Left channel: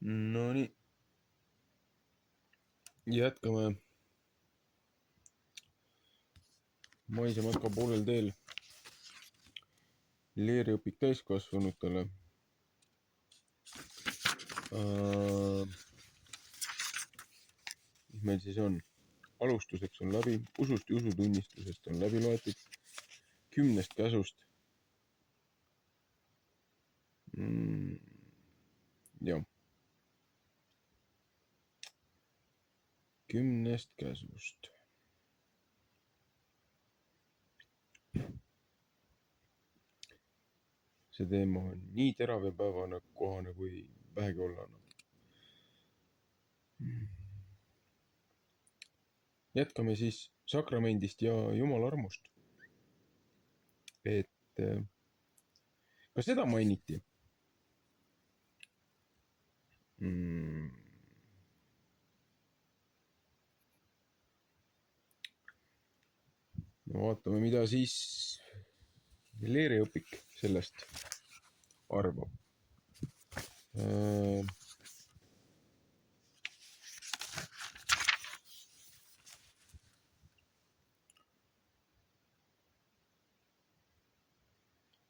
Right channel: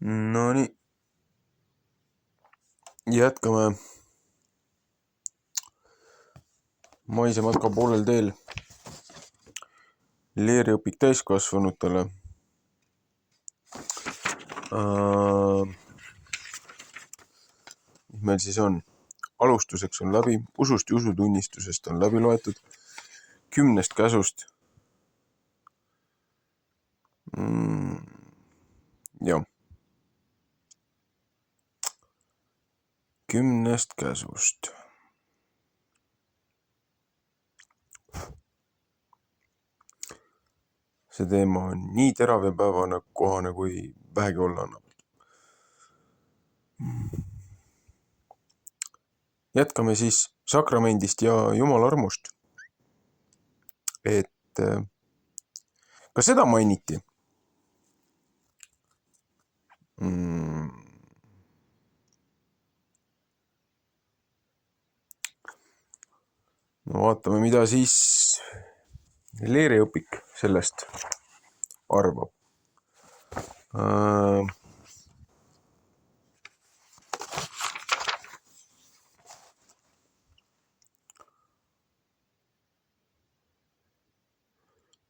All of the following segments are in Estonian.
No nii, jätkame maise matka poolel teel. Leeriõpik täiskasvanutele. Mis meil siis on? Alustuseks on läbi, usust ja usutunnistusest on läbi loetud, 10 käsust. Jah. 10 käsust. See teema on nii terav ja päevane kohane, kui vähegi olla annab. Jätkame siis sakramendist ja Jumala armust. Et ka seda mainiti. No vaatame, mida siis leeriõpik sellest arvab.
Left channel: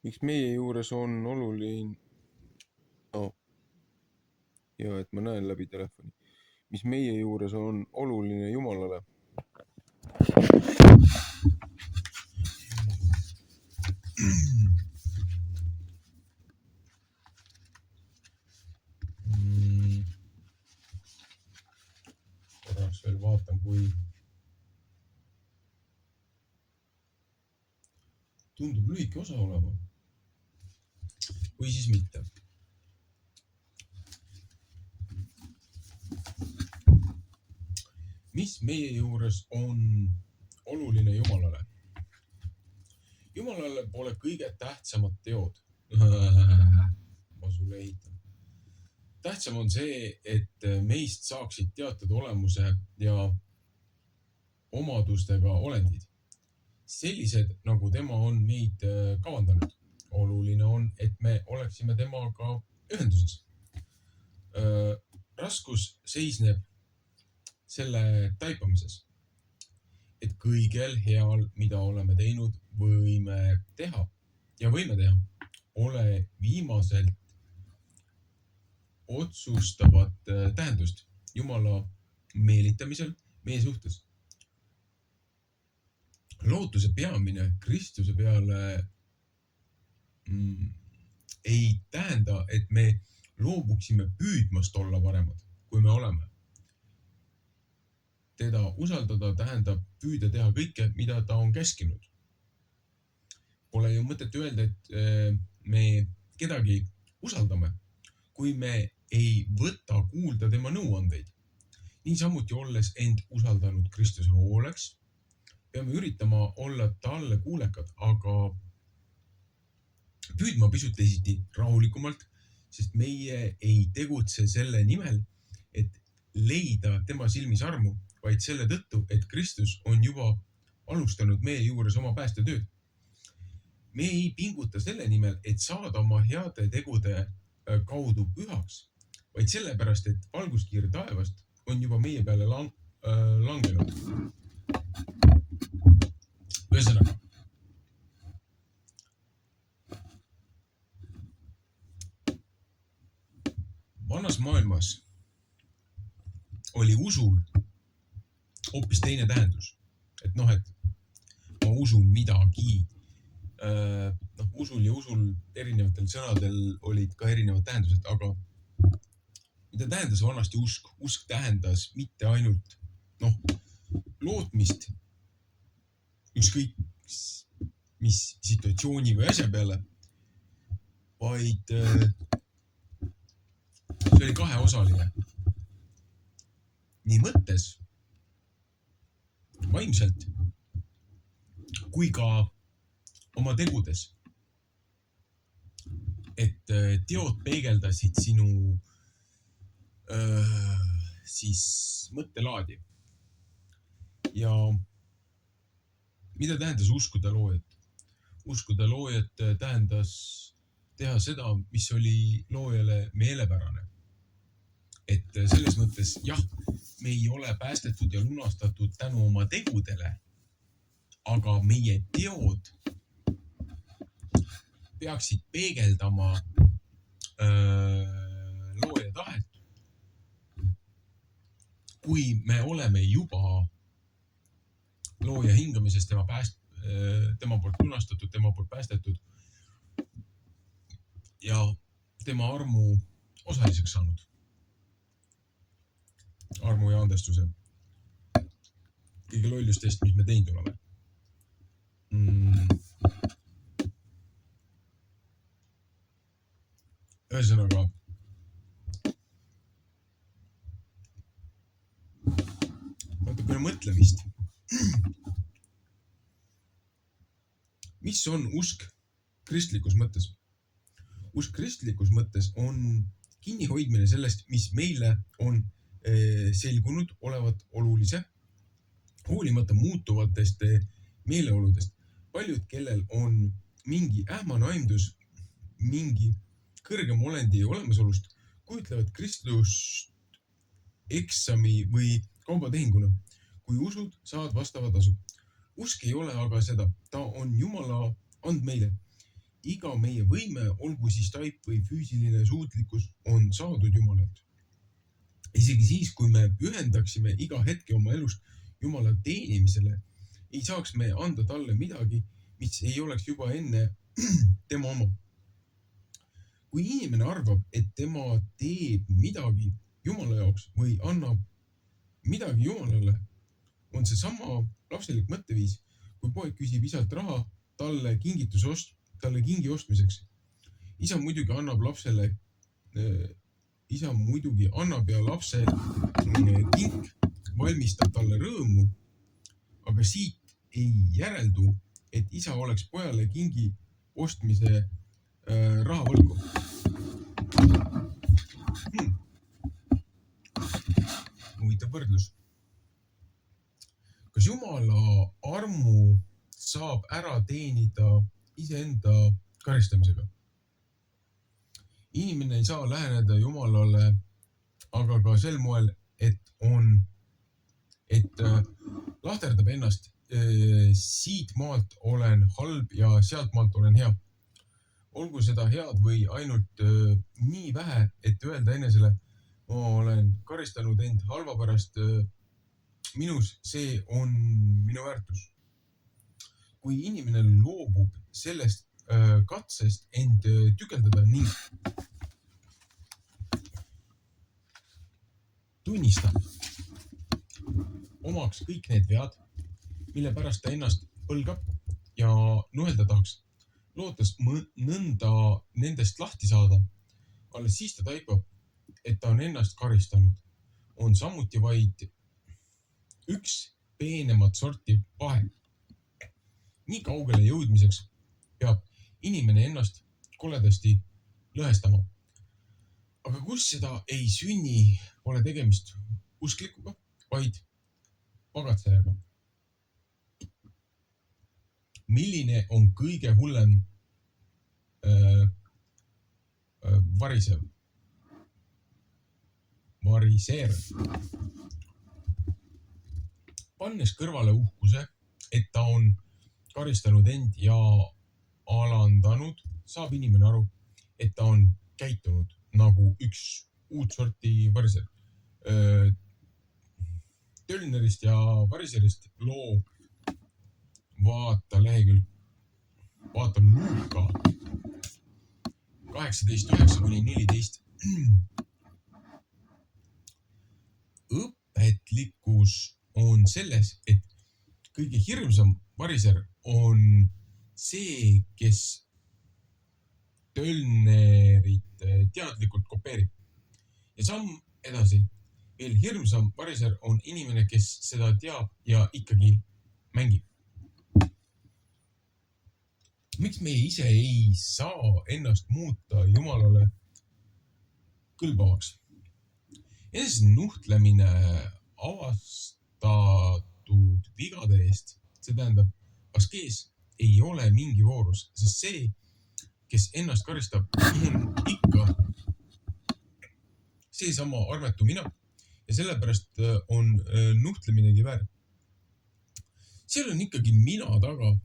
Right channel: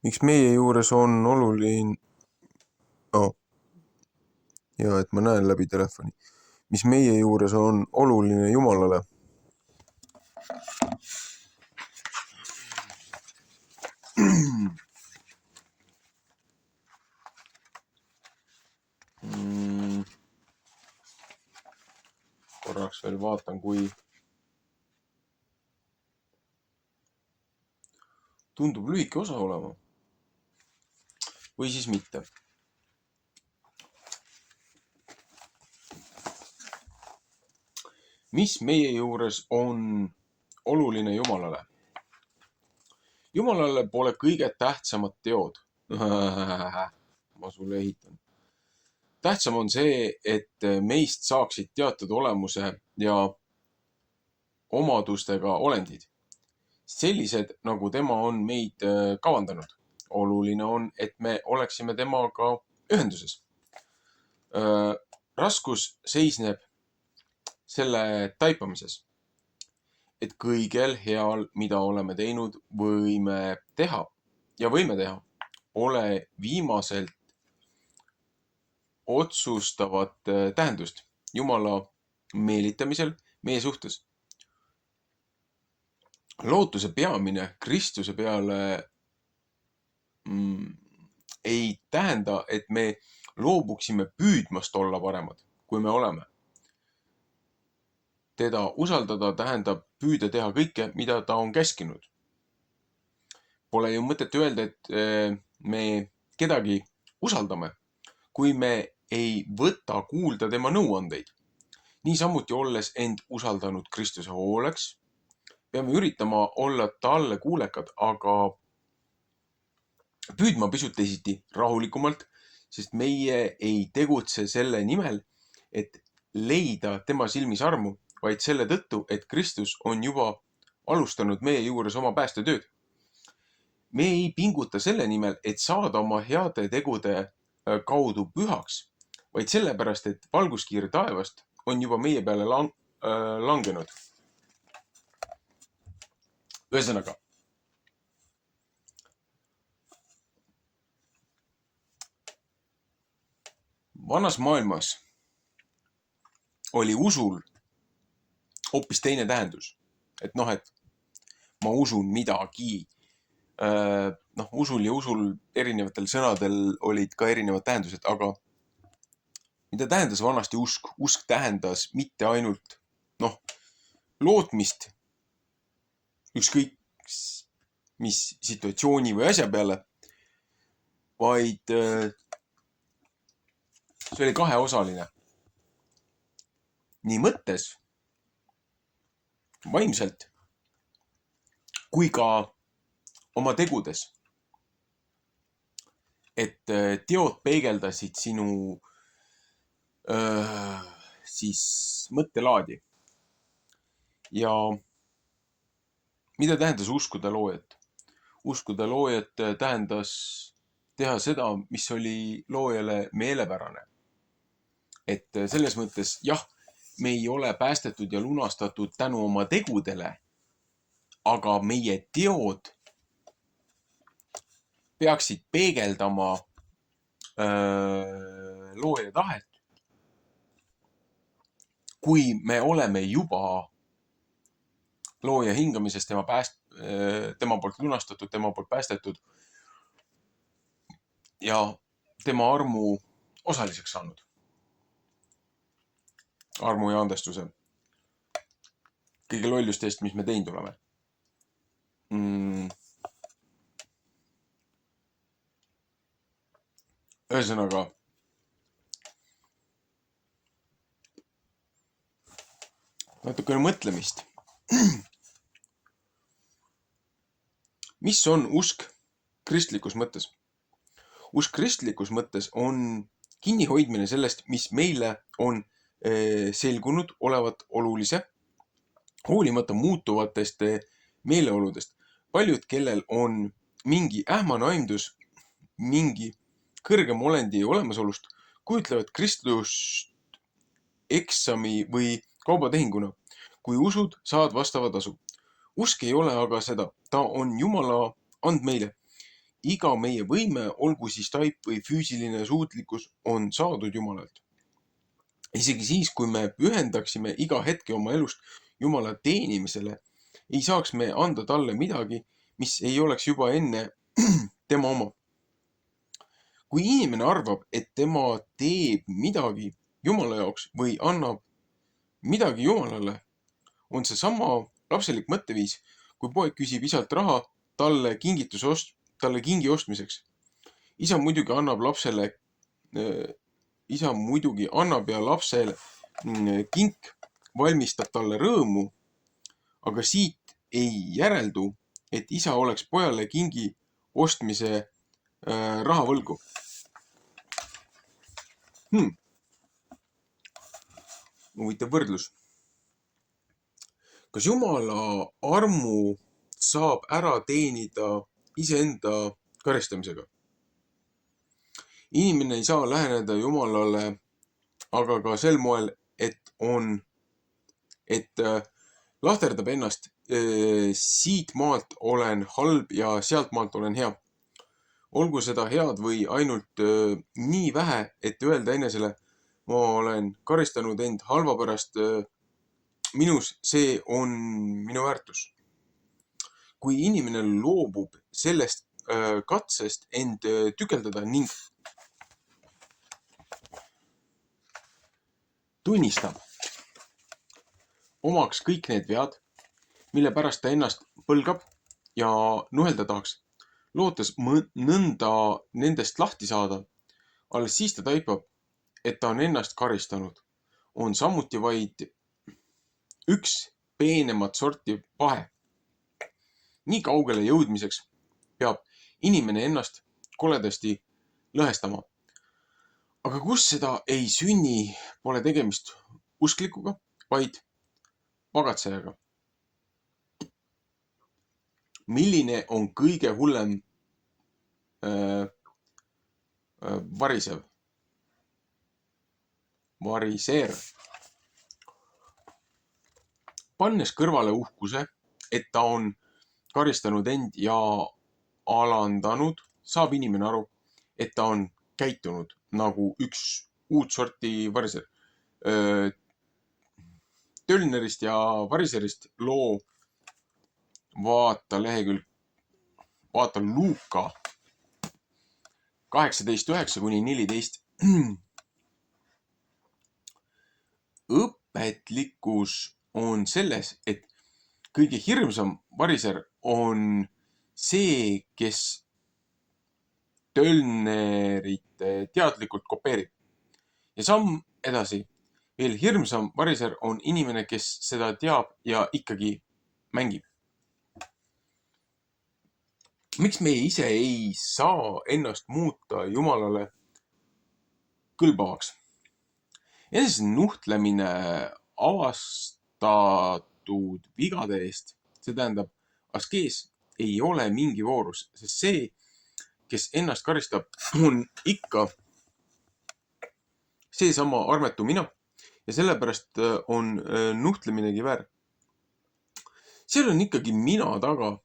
Miks meie juures on oluline... Ja, et ma näen läbi telefoni. Mis meie juures on oluline Jumalale? Korraks veel vaatan, kui tundub lühike osa olema. Või siis mitte. Mis meie juures on oluline Jumalale? Jumalale pole kõige tähtsamad teod. Ma sulle ehitan. Tähtsam on see, et meist saaksid teatud olemuse ja omadustega olendid. Sellised, nagu tema on meid kavandanud. Oluline on, et me oleksime temaga ühenduses. Raskus seisneb selle taipamises, et kõigel heal, mida oleme teinud, võime teha, ole viimaselt otsustavat tähendust Jumala meelitamisel meie suhtes. Lootuse peamine Kristuse peale ei tähenda, et me loobuksime püüdmast olla paremad, kui me oleme. Teda usaldada tähendab püüda teha kõike, mida ta on käskinud. Pole ju mõtet öelda, et me kedagi usaldame, kui me ei võta kuulda tema nõuandeid. Niisamuti olles end usaldanud Kristuse hooleks, peame üritama olla talle kuulekad, aga püüdma pisut teisiti rahulikumalt, sest meie ei tegutse selle nimel, et leida tema silmis armu, vaid selle tõttu, et Kristus on juba alustanud meie juures oma päästetööd. Me ei pinguta selle nimel, et saada oma heade tegude kaudu pühaks, vaid sellepärast, et valguskiir taevast on juba meie peale langenud. Ühesõnaga, vanas maailmas oli usul hoopis teine tähendus. Et ma usun midagi. Usul ja usul erinevatel sõnadel olid ka erinevad tähendused, aga mida tähendas vanasti usk? Usk tähendas mitte ainult lootmist ükskõik mis situatsiooni või asja peale, vaid see oli kaheosaline. Nii mõttes, vaimselt, kui ka oma tegudes. Et teod peegeldasid sinu siis mõttelaadi. Ja mida tähendas uskuda loojat? Uskuda loojat tähendas teha seda, mis oli loojale meelepärane. Et selles mõttes jah, me ei ole päästetud ja lunastatud tänu oma tegudele, aga meie teod peaksid peegeldama looja tahet. Kui me oleme juba looja hingamisest, tema poolt lunastatud, tema poolt päästetud ja tema armu osaliseks saanud. Armu ja andestuse. Kõige lollustest, mis me teinud oleme. Ühesõnaga, natukene mõtlemist. Mis on usk kristlikus mõttes? Usk kristlikus mõttes on kinnihoidmine sellest, mis meile on selgunud olevat olulise, hoolimata muutuvatest meeleoludest. Paljud, kellel on mingi ähmane aimdus, mingi kõrgem olendi olemasolust, kujutlevad Kristust eksami või kaubatehinguna. Kui usud, saad vastava tasu. Usk ei ole aga seda. Ta on Jumala and meile. Iga meie võime, olgu siis taip või füüsiline suutlikkus, on saadud Jumalalt. Isegi siis, kui me pühendaksime iga hetke oma elust Jumala teenimisele, ei saaks me anda talle midagi, mis ei oleks juba enne tema oma. Kui inimene arvab, et tema teeb midagi Jumala jaoks või annab midagi Jumalale, on see sama lapselik mõtteviis, kui poeg küsib isalt raha talle kingi ostmiseks. Isa muidugi annab ja lapsel kink valmistab talle rõõmu, aga siit ei järeldu, et isa oleks pojale kingi ostmise raha võlgu. Huvitav võrdlus. Kas Jumala armu saab ära teenida iseenda karistamisega? Inimene ei saa läheneda Jumalale aga ka sel moel, et lahterdab ennast. Siit maalt olen halb ja sealt maalt olen hea. Olgu seda head või ainult nii vähe, et öelda enesele, ma olen karistanud end halva pärast minus, see on minu väärtus. Kui inimene loobub sellest katsest end tükeldada ning tunnistab omaks kõik need vead, mille pärast ta ennast põlgab ja nuhelda tahaks, lootes nõnda nendest lahti saada, alles siis ta taipab, et ta on ennast karistanud, on samuti vaid üks peenemat sorti pahe. Nii kaugele jõudmiseks peab inimene ennast koledasti lõhestama. Aga kus seda ei sünni, pole tegemist usklikuga, vaid pagatsejaga. Milline on kõige hullem variseer? Pannes kõrvale uhkuse, et ta on karistanud end ja alandanud, saab inimene aru, et ta on käitunud nagu üks uut sorti variser. Tölnerist ja variserist loo vaata Luuka 18:9-14. Õpetlikkus on selles, et kõige hirmsam variser on see, kes tölnerit teadlikult kopeerib. Ja samm edasi. Veel hirmsam variser on inimene, kes seda teab ja ikkagi mängib. Miks me ise ei saa ennast muuta Jumalale kõlbavaks? Enese nuhtlemine avastatud vigade eest, see tähendab, askees ei ole mingi voorus, sest see, kes ennast karistab, on ikka seesama armetu mina ja sellepärast on nuhtleminegi väär. Seal on ikkagi mina taga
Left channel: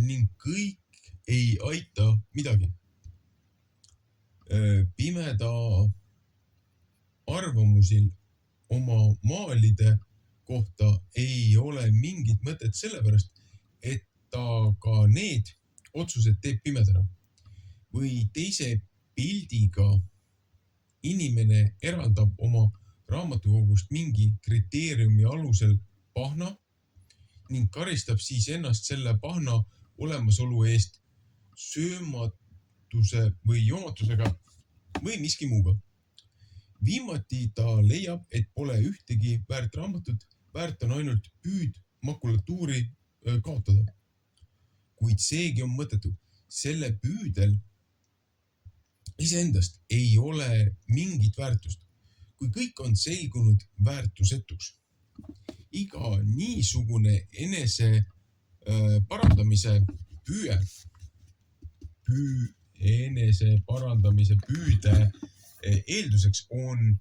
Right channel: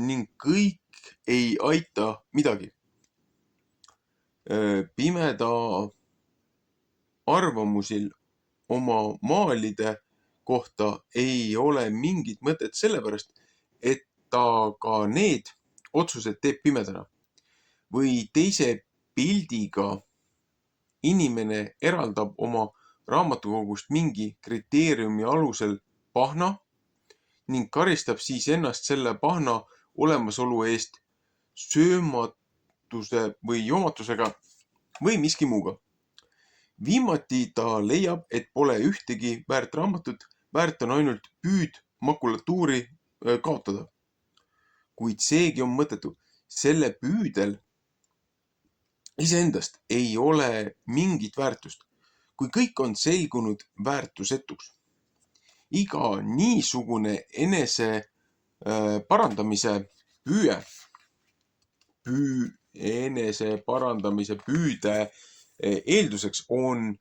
ning kõik ei aita midagi. Pimeda arvamusil oma maalide kohta ei ole mingit mõtet sellepärast, et ta ka need otsused teeb pimedana. Või teise pildiga inimene eraldab oma raamatukogust mingi kriteeriumi alusel pahna ning karistab siis ennast selle pahna olemasolu eest söömatuse või joomatusega või miski muuga. Viimati ta leiab, et pole ühtegi väärt raamatut, väärt on ainult püüd makulatuuri kaotada. Kuid seegi on mõttetu. Selle püüdel iseendast ei ole mingit väärtust, kui kõik on selgunud väärtusetuks. Iga niisugune enese parandamise püüde eelduseks on,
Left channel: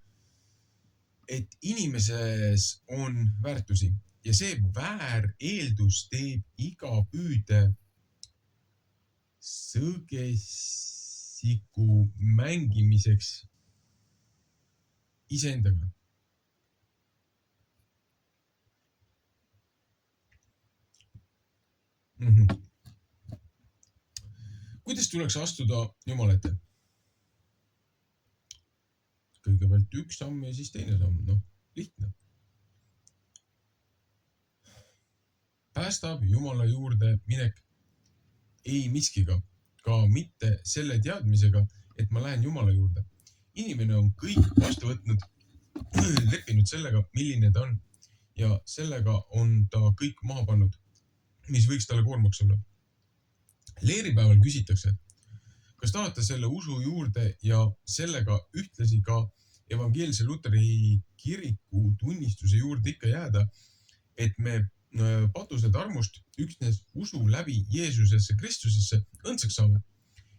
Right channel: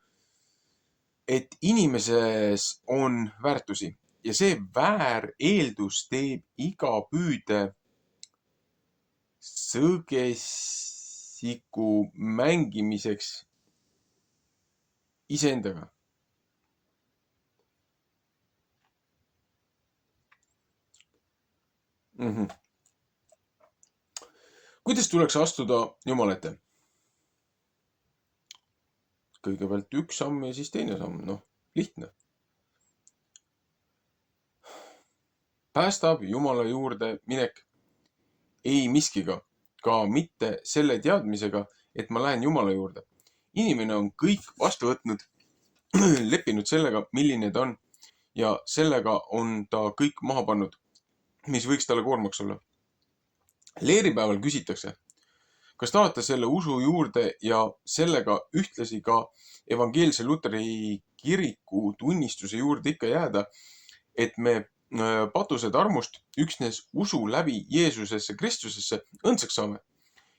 et inimeses on väärtusi ja see vääreeldus teeb iga püüde sõgesiku mängimiseks iseendaga. Kuidas tuleks astuda Jumala ette? Kõigepealt üks samm ja siis teine samm. Lihtne. Päästab Jumala juurde minek ei miskiga, ka mitte selle teadmisega, et ma lähen Jumala juurde. Inimene on kõik vastu võtnud, leppinud sellega, milline ta on ja sellega on ta kõik maha pannud, mis võiks talle koormaks olla. Leeripäeval küsitakse, kas tahate selle usu juurde ja sellega ühtlasi ka evangeelse Luteri kiriku tunnistuse juurde ikka jääda, et me patused armust üksnes usu läbi Jeesusesse Kristusesse õndsaks saame.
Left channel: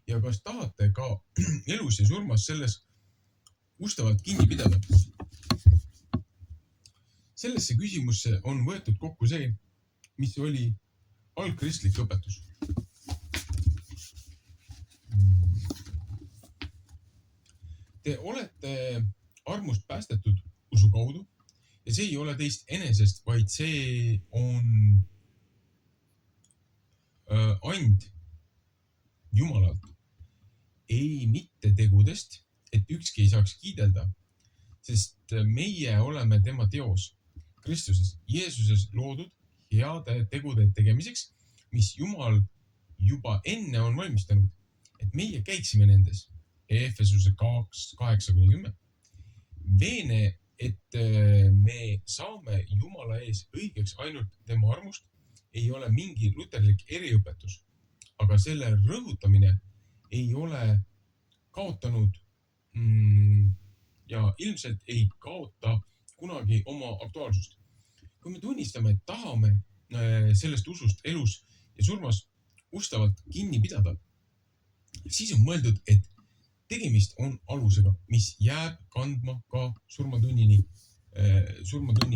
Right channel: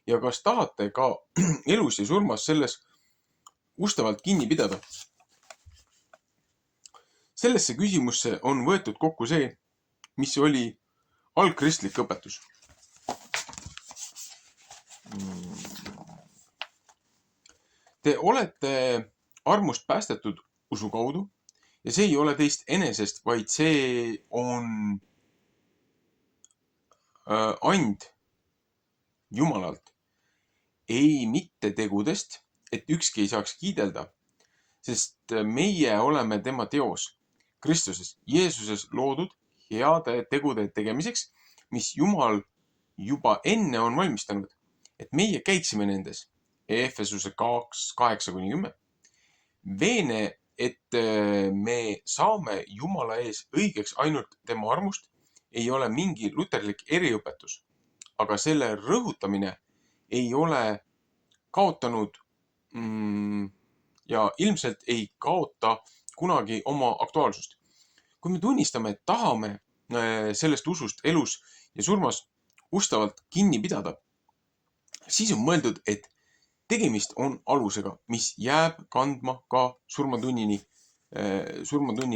Ja kas tahate ka elus ja surmas selles ustavalt kinni pidada? Sellesse küsimusse on võetud kokku see, mis oli algkristlik õpetus. Te olete armust päästetud usu kaudu ja see ei ole teist enesest, vaid see on and Jumalalt. Ei mitte tegudest, et ükski ei saaks kiidelda, sest meie oleme tema teos Kristuses, Jeesuses loodud heade tegude tegemiseks, mis Jumal juba enne on valmistanud, et meie käiksime nendes. Efesuse 2:8-10. Veene, et me saame Jumala ees õigeks ainult tema armust, ei ole mingi luterlik eriõpetus, aga selle rõhutamine ei ole kaotanud ja ilmselt ei kaota kunagi oma aktuaalsust. Kui me tunnistame, et tahame sellest usust elus ja surmas ustavalt kinni pidada, siis on mõeldud, et tegemist on alusega, mis jääb kandma ka surmatunnil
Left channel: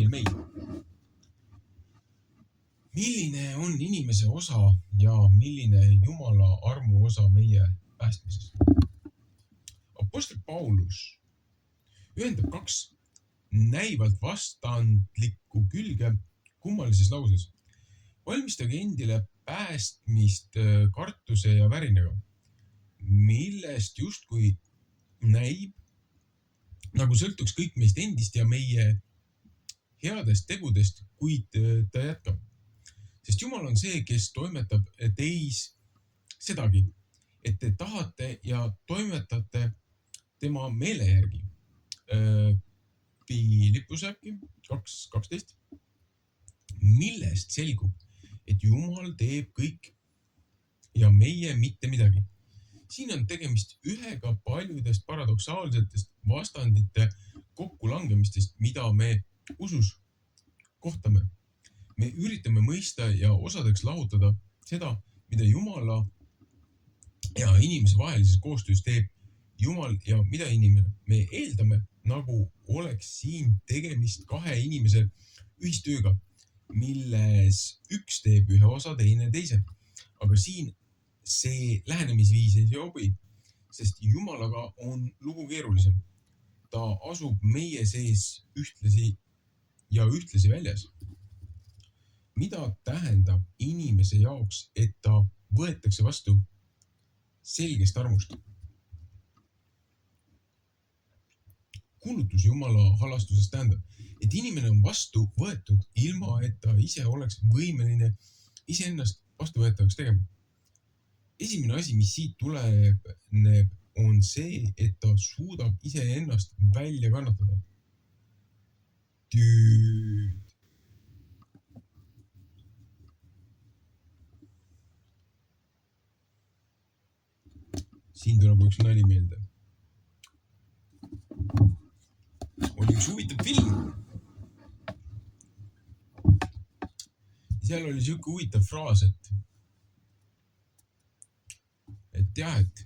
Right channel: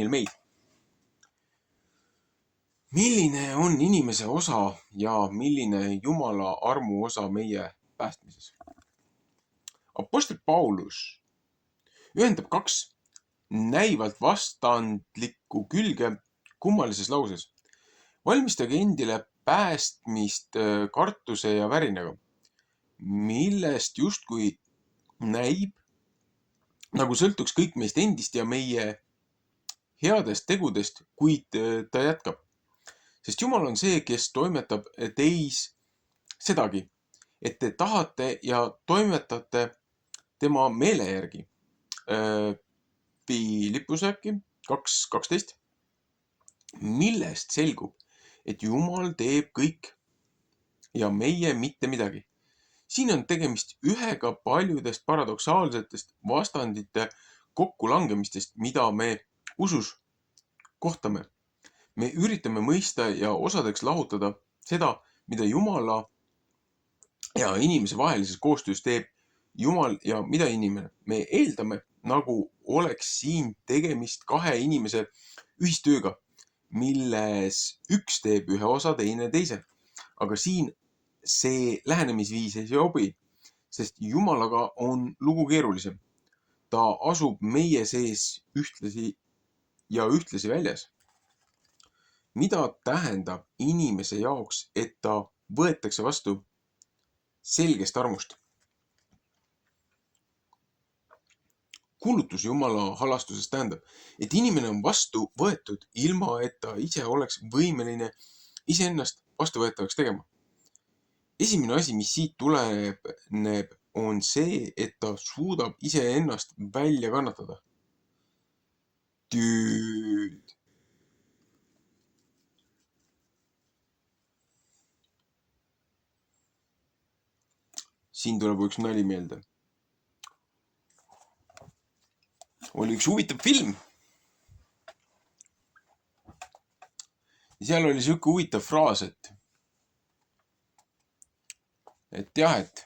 meil. Milline on inimese osa ja milline Jumala armu osa meie päästmises? Apostel Paulus ühendab kaks näivalt vastandlikku külge kummalises lauses. Valmistage endile päästmist kartuse ja värinaga, millest justkui näib, nagu sõltuks kõik meist endist ja meie headest tegudest, kuid ta jätkab. Sest Jumal on see, kes toimetab teis sedagi, et te tahate ja toimetate tema meele järgi. Philippuse äkki 2:12, millest selgub, et Jumal teeb kõik ja meie mitte midagi. Siin on tegemist ühega paljudest paradoksaalsetest vastandite kokkulangemistest, mida me usus kohtame. Me üritame mõista ja osadeks lahutada seda, mida Jumala ja inimese vahelises koostöös teeb Jumal ja mida inimene? Me eeldame, nagu oleks siin tegemist kahe inimese ühistööga, milles üks teeb ühe osa, teine teise. Aga siin see lähenemisviis ei sobi, sest Jumalaga on lugu keerulisem. Ta asub meie sees ühtlasi ja ühtlasi väljas. Mida tähendab inimese jaoks, et ta võetakse vastu selgest armust? Kuulutus Jumala halastusest tähendab, et inimene on vastu võetud ilma, et ta ise oleks võimeline iseennast vastuvõetavaks tegema. Esimene asi, mis siit tuleneb, on see, et ta suudab iseennast välja kannatada. Dude. Siin tuleb üks nali meelde. Oli üks huvitav film. Seal oli siuke huvitav fraas, et jah, et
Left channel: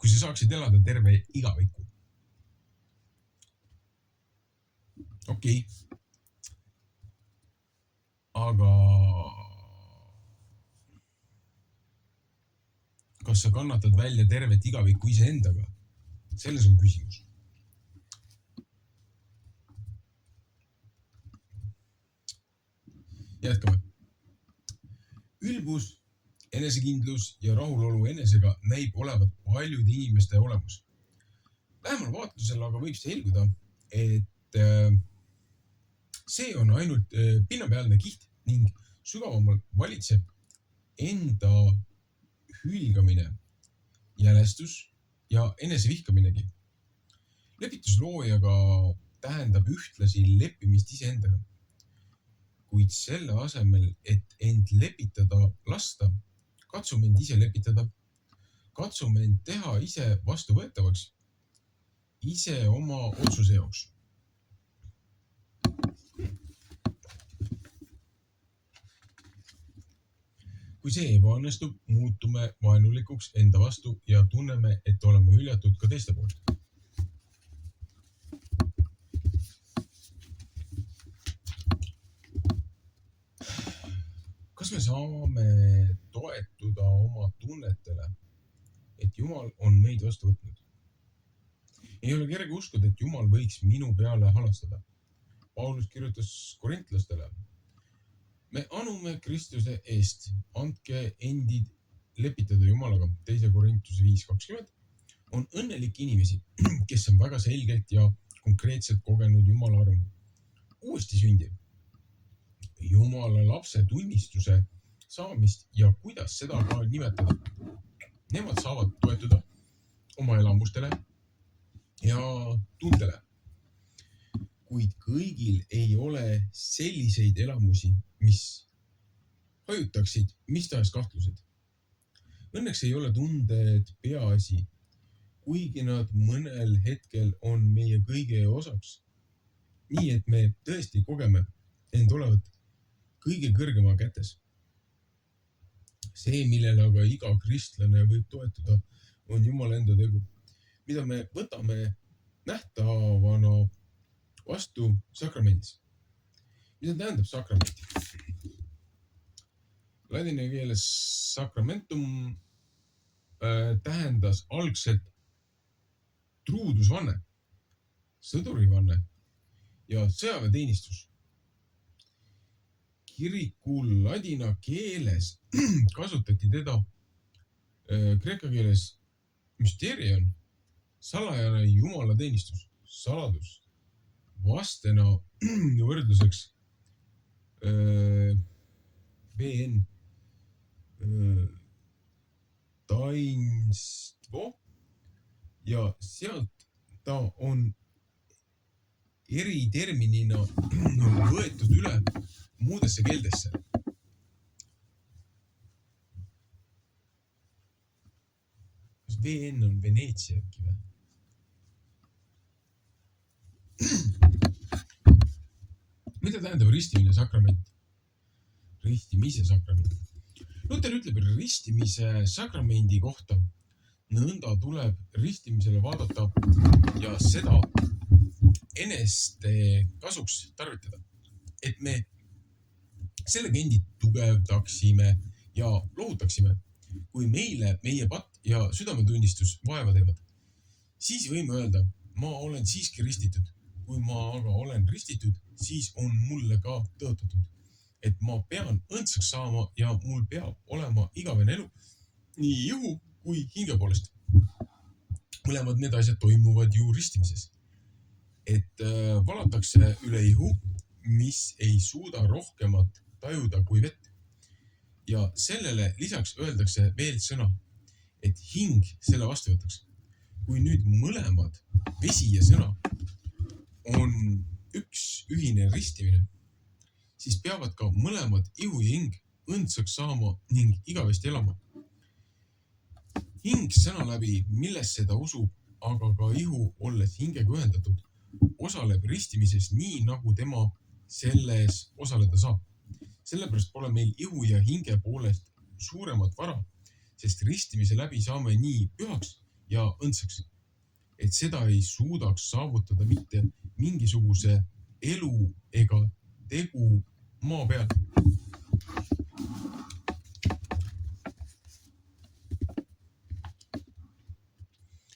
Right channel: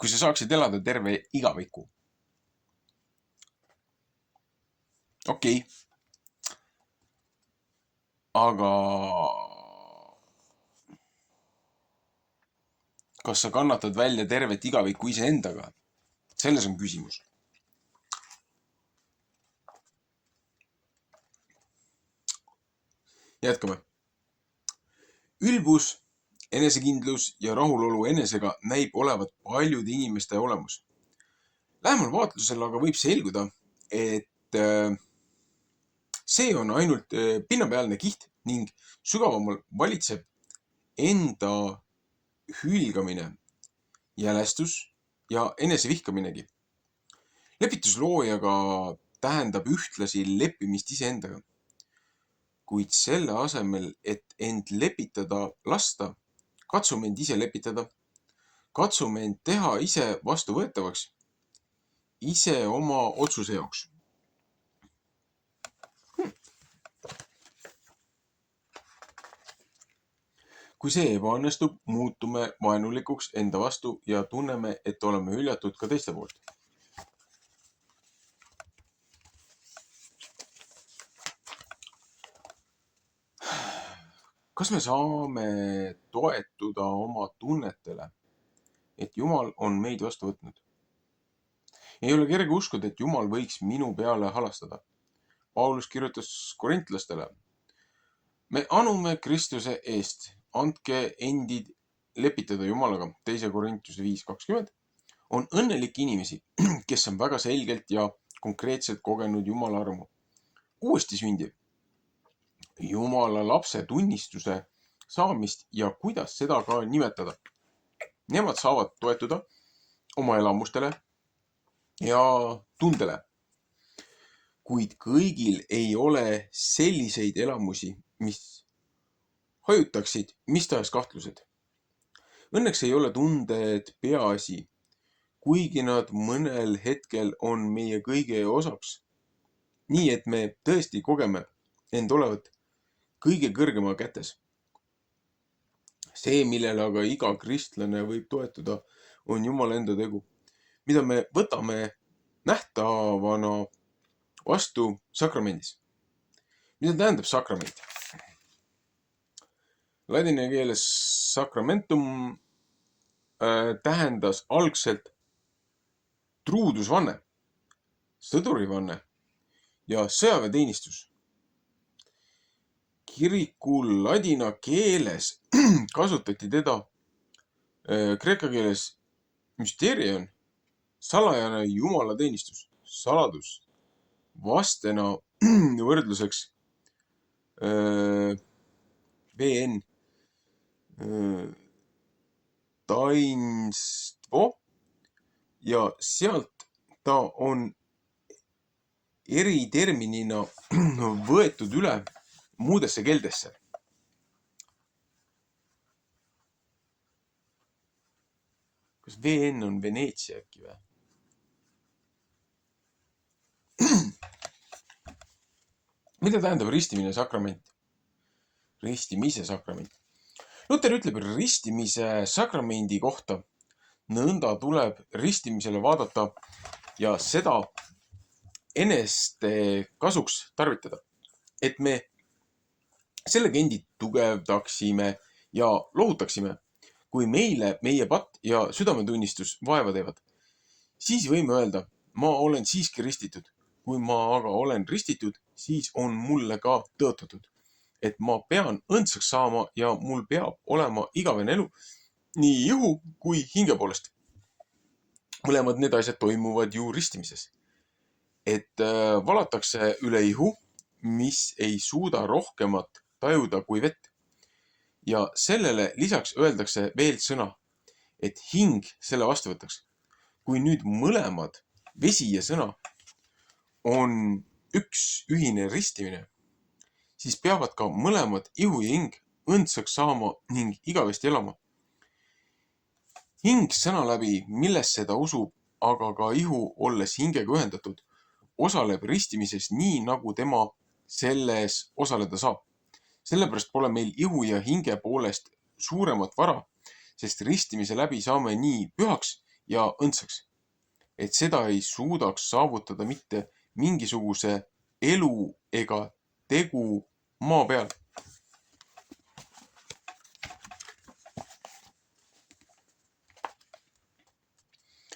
kui sa saaksid elada terve igaviku. Okei. Aga kas sa kannatad välja tervet igavikku iseendaga? Selles on küsimus. Jätkame. Ülbus, enesekindlus ja rahulolu enesega näib olevat paljude inimeste olemus. Lähemal vaatlusel aga võib selguda, et see on ainult pinnapealne kiht ning sügavamal valitseb enda hülgamine, jälestus ja enesevihkaminegi. Lepitusloojaga tähendab ühtlasi leppimist iseendaga. Kuid selle asemel, et end lepitada lasta, katsume end ise lepitada, katsume end teha ise vastuvõetavaks, ise oma otsuse jaoks. Kui see ebaõnnestub, muutume vaenulikuks enda vastu ja tunneme, et oleme hüljatud ka teiste poolt. Kas me saame toetuda oma tunnetele, et Jumal on meid vastu võtnud? Ei ole kerge uskuda, et Jumal võiks minu peale halastada. Paulus kirjutas korintlastele. Me anume Kristuse eest, andke endid lepitada Jumalaga, 2 Korintuse 5:20, on õnnelik inimesi, kes on väga selgelt ja konkreetselt kogenud Jumala armu. Uuesti sündiv. Jumala lapse tunnistuse saamist ja kuidas seda ka nimetada. Nemad saavad toetuda oma elamustele ja tundele. Kuid kõigil ei ole selliseid elamusi, mis hajutaksid mis tahes kahtlused. Õnneks ei ole tunded peaasi, kuigi nad mõnel hetkel on meie kõige osaks. Nii, et me tõesti kogeme end olevat kõige kõrgema kätes. See, millele aga iga kristlane võib toetuda, on Jumala enda tegu, mida me võtame nähtavana vastu sakramendis. Mida tähendab sakrament? Ladina keeles sakramentum tähendas algselt truudusvanne, sõdurivanne ja sõjaväeteenistus. Kiriku ladina keeles kasutati teda kreeka keeles müsterion, salajane jumalateenistus, saladus, vastena võrdluseks VN tainstvo ja sealt ta on eriterminina võetud üle muudesse keeldesse. Kas VN on Veneetsia äkki või? Mida tähendab ristimine sakrament? Ristimise sakrament. Luter ütleb ristimise sakramendi kohta: nõnda tuleb ristimisele vaadata ja seda eneste kasuks tarvitada, et me sellega endid tugevdaksime ja lohutaksime, kui meile meie patt ja südametunnistus vaeva teevad. Siis võime öelda: ma olen siiski ristitud. Kui ma aga olen ristitud, siis on mulle ka tõotatud, et ma pean õndsaks saama ja mul peab olema igavene elu nii ihu kui hinge poolest. Mõlemad need asjad toimuvad ju ristimises. Et valatakse üle ihu, mis ei suuda rohkemat tajuda kui vett. Ja sellele lisaks öeldakse veel sõna, et hing selle vastu võtaks. Kui nüüd mõlemad, vesi ja sõna, on üks ühine ristimine, siis peavad ka mõlemad ihu ja hing õndsaks saama ning igavesti elama. Hing sõna läbi, millesse ta usub, aga ka ihu, olles hingega ühendatud, osaleb ristimises nii, nagu tema selles osaleda saab. Sellepärast pole meil ihu ja hinge poolest suuremat vara, sest ristimise läbi saame nii pühaks ja õndsaks, et seda ei suudaks saavutada mitte mingisuguse elu ega tegu maa peal.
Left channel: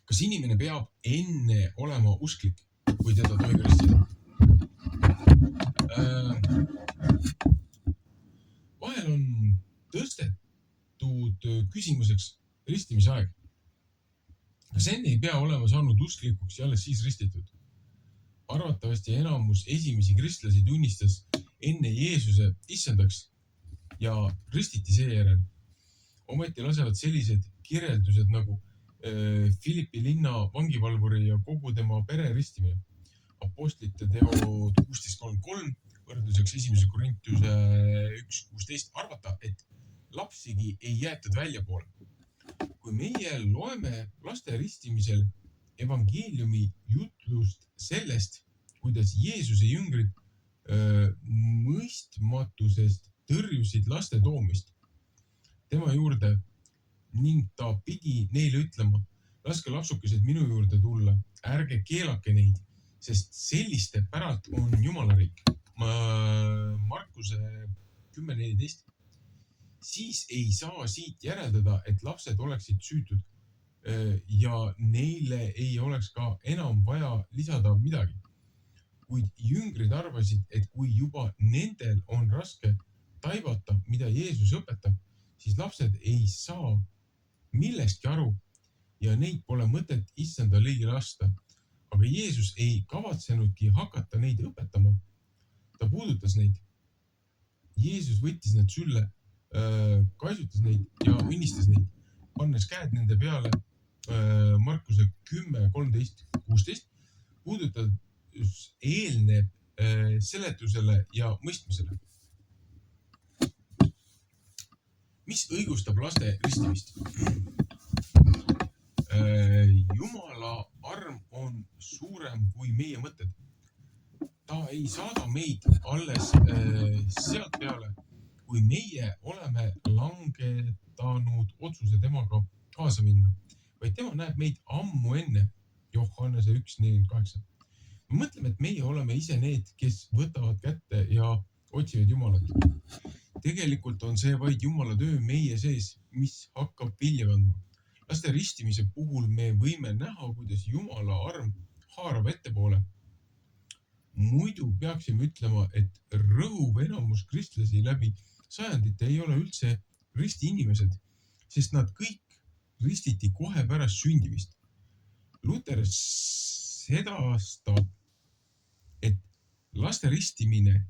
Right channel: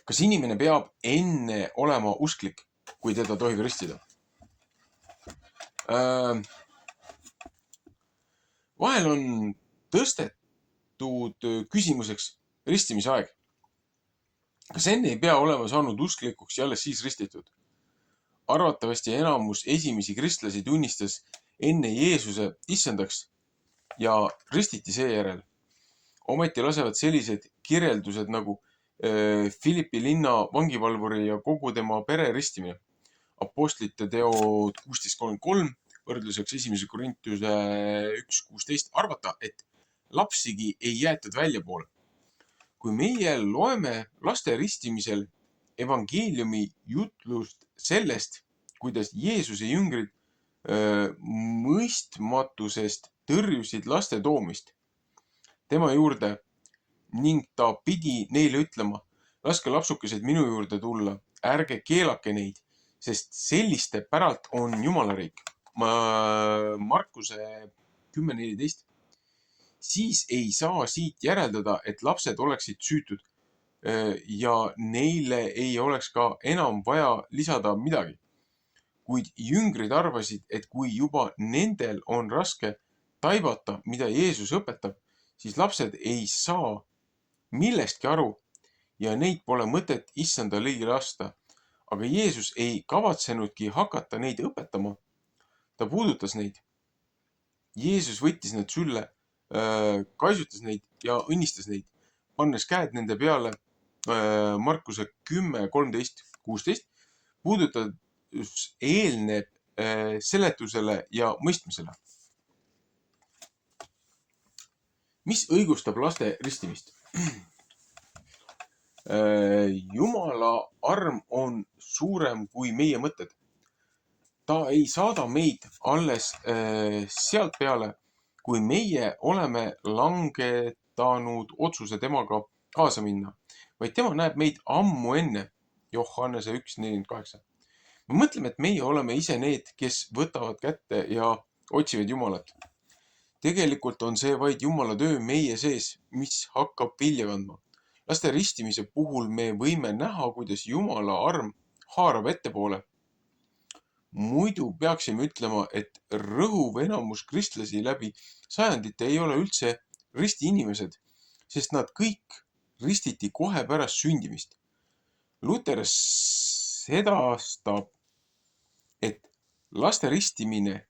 Kas inimene peab enne olema usklik, kui teda tohib ristida? Vahel on tõstetud küsimuseks ristimise aeg. Kas enne ei pea olema saanud usklikuks ja alles siis ristitud? Arvatavasti enamus esimesi kristlasi tunnistas enne Jeesuse issandaks ja ristiti seejärel. Ometi lasevad sellised kirjeldused nagu Philippi linna vangivalvuri ja kogu tema pere ristimine. Apostlite teod 16.33, võrdluseks 1. Korintuse 1.16 arvata, et lapsigi ei jäetud väljapoole. Kui meie loeme laste ristimisel evangeeliumi jutlust sellest, kuidas Jeesuse jüngrid mõistmatusest tõrjusid laste toomist tema juurde ning ta pidi neile ütlema: laske lapsukesed minu juurde tulla, ärge keelake neid, sest selliste päralt on Jumala riik. Markuse 10.14. Siis ei saa siit järeldada, et lapsed oleksid süütud ja neile ei oleks ka enam vaja lisada midagi. Kuid jüngrid arvasid, et kui juba nendel on raske taibata, mida Jeesus õpetab, siis lapsed ei saa millestki aru ja neid pole mõtet issanda ligi lasta. Aga Jeesus ei kavatsenudki hakata neid õpetama. Ta puudutas neid. Jeesus võttis nad sülle, kaisutas neid ja õnnistas neid, pannes käed nende peale. Markuse 10.13.16 puudutas eelneb seletusele ja mõistmisele. Mis õigustab laste ristimist? Jumala arm on suurem kui meie mõtted. Ta ei saada meid alles sealt peale, kui meie oleme langetanud otsuse temaga kaasa minna, vaid tema näeb meid ammu enne. Johannese 1.48. Me mõtleme, et meie oleme ise need, kes võtavad kätte ja otsivad Jumalat. Tegelikult on see vaid Jumala töö meie sees, mis hakkab vilja kandma. Laste ristimise puhul me võime näha, kuidas Jumala arm haarab ettepoole. Muidu peaksime ütlema, et rõhuv enamus kristlasi läbi sajandite ei ole üldse risti inimesed, sest nad kõik ristiti kohe pärast sündimist. Luter sedastab, et laste ristimine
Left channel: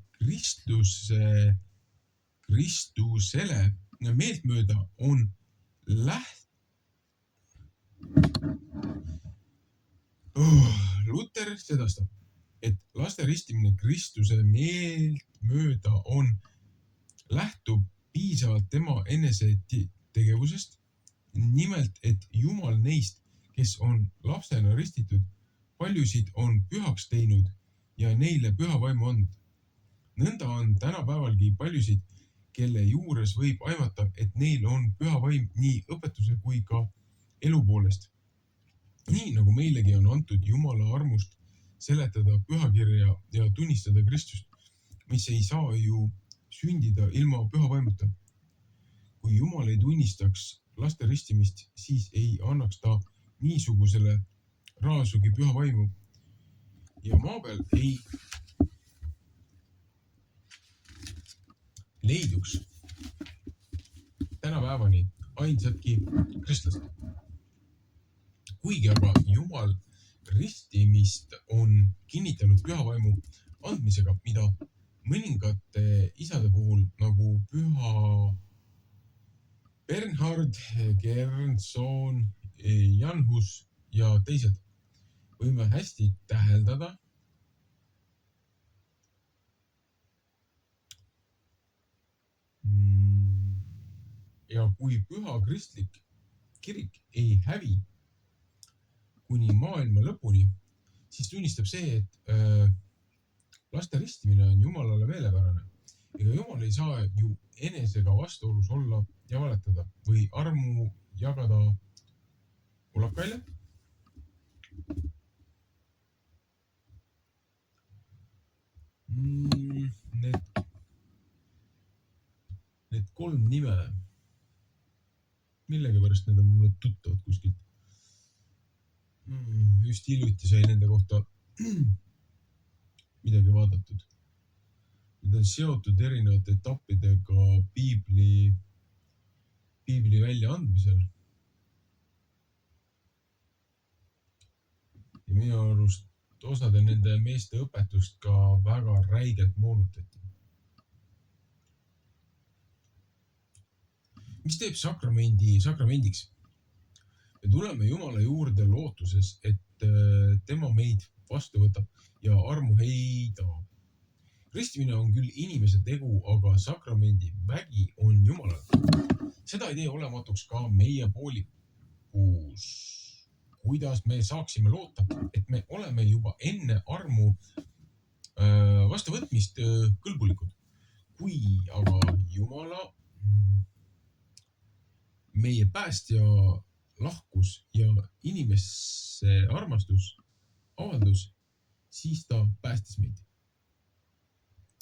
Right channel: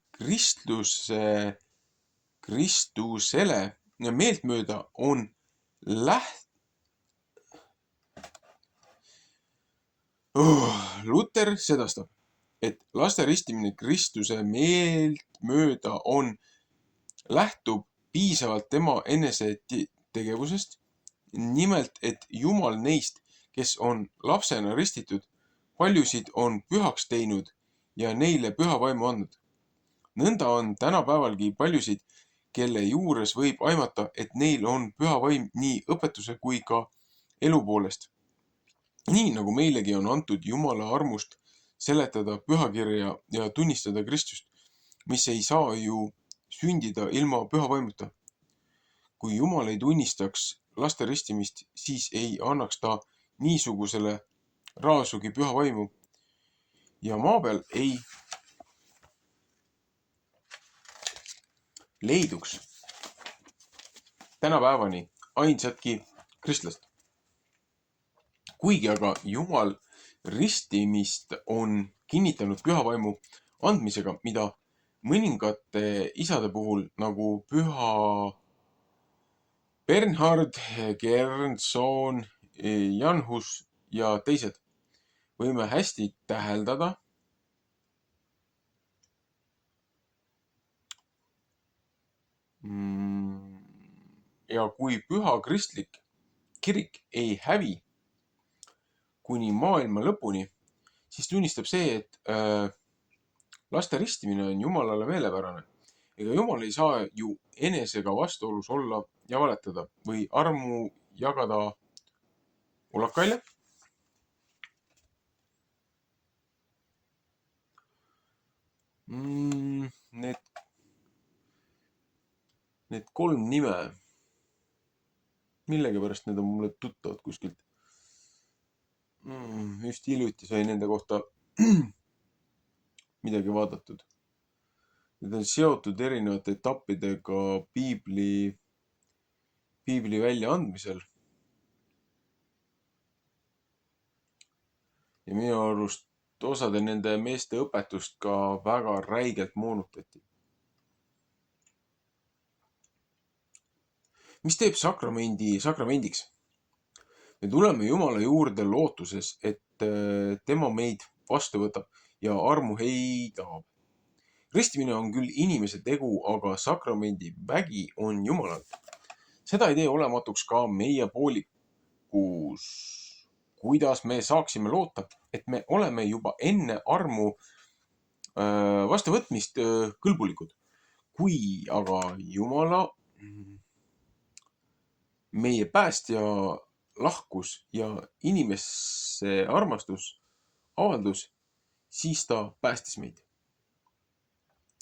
Kristusele meeltmööda on Luter sedastab, et laste ristimine Kristuse meeltmööda lähtub piisavalt tema enese tegevusest. Nimelt, et Jumal neist, kes on lapsena ristitud, paljusid on pühaks teinud ja neile püha vaimu andnud. Nõnda on tänapäevalgi paljusid, kelle juures võib aimata, et neil on püha vaim nii õpetuse kui ka elu poolest. Nii nagu meilegi on antud Jumala armust seletada pühakirja ja tunnistada Kristust, mis ei saa ju sündida ilma püha vaimuta. Kui Jumal ei tunnistaks laste ristimist, siis ei annaks ta niisugusele raasugi püha vaimu. Ja maa peal ei leiduks tänapäevani ainsatki kristlast. Kuigi aga Jumal ristimist on kinnitanud pühavaimu andmisega, mida mõningate isade puhul nagu püha Bernhard, Gernson, Janhus ja teised võime hästi täheldada, ja kui püha kristlik kirik ei hävi kuni maailma lõpuni, siis tunnistab see, et laste ristimine on Jumalale meelepärane. Ega Jumal ei saa ju enesega vastuolus olla ja valetada või armu jagada ulakaile. Need 3 nime, millegipärast need on mulle tuttavad kuskilt. Just hiljuti sai nende kohta midagi vaadatud. Need on seotud erinevate etappidega piibli väljaandmisel. Ja minu arust osade nende meeste õpetust ka väga räigelt moonutati. Mis teeb sakramendiks? Me tuleme Jumala juurde lootuses, et tema meid vastu võtab ja armu heidab. Ristimine on küll inimese tegu, aga sakramendi vägi on Jumalal. Seda ei tee olematuks ka meie poolikus. Kuidas me saaksime loota, et me oleme juba enne armu vastuvõtmist kõlbulikud. Kui aga Jumala meie päästja lahkus ja inimesse armastus avaldus, siis ta päästis meid.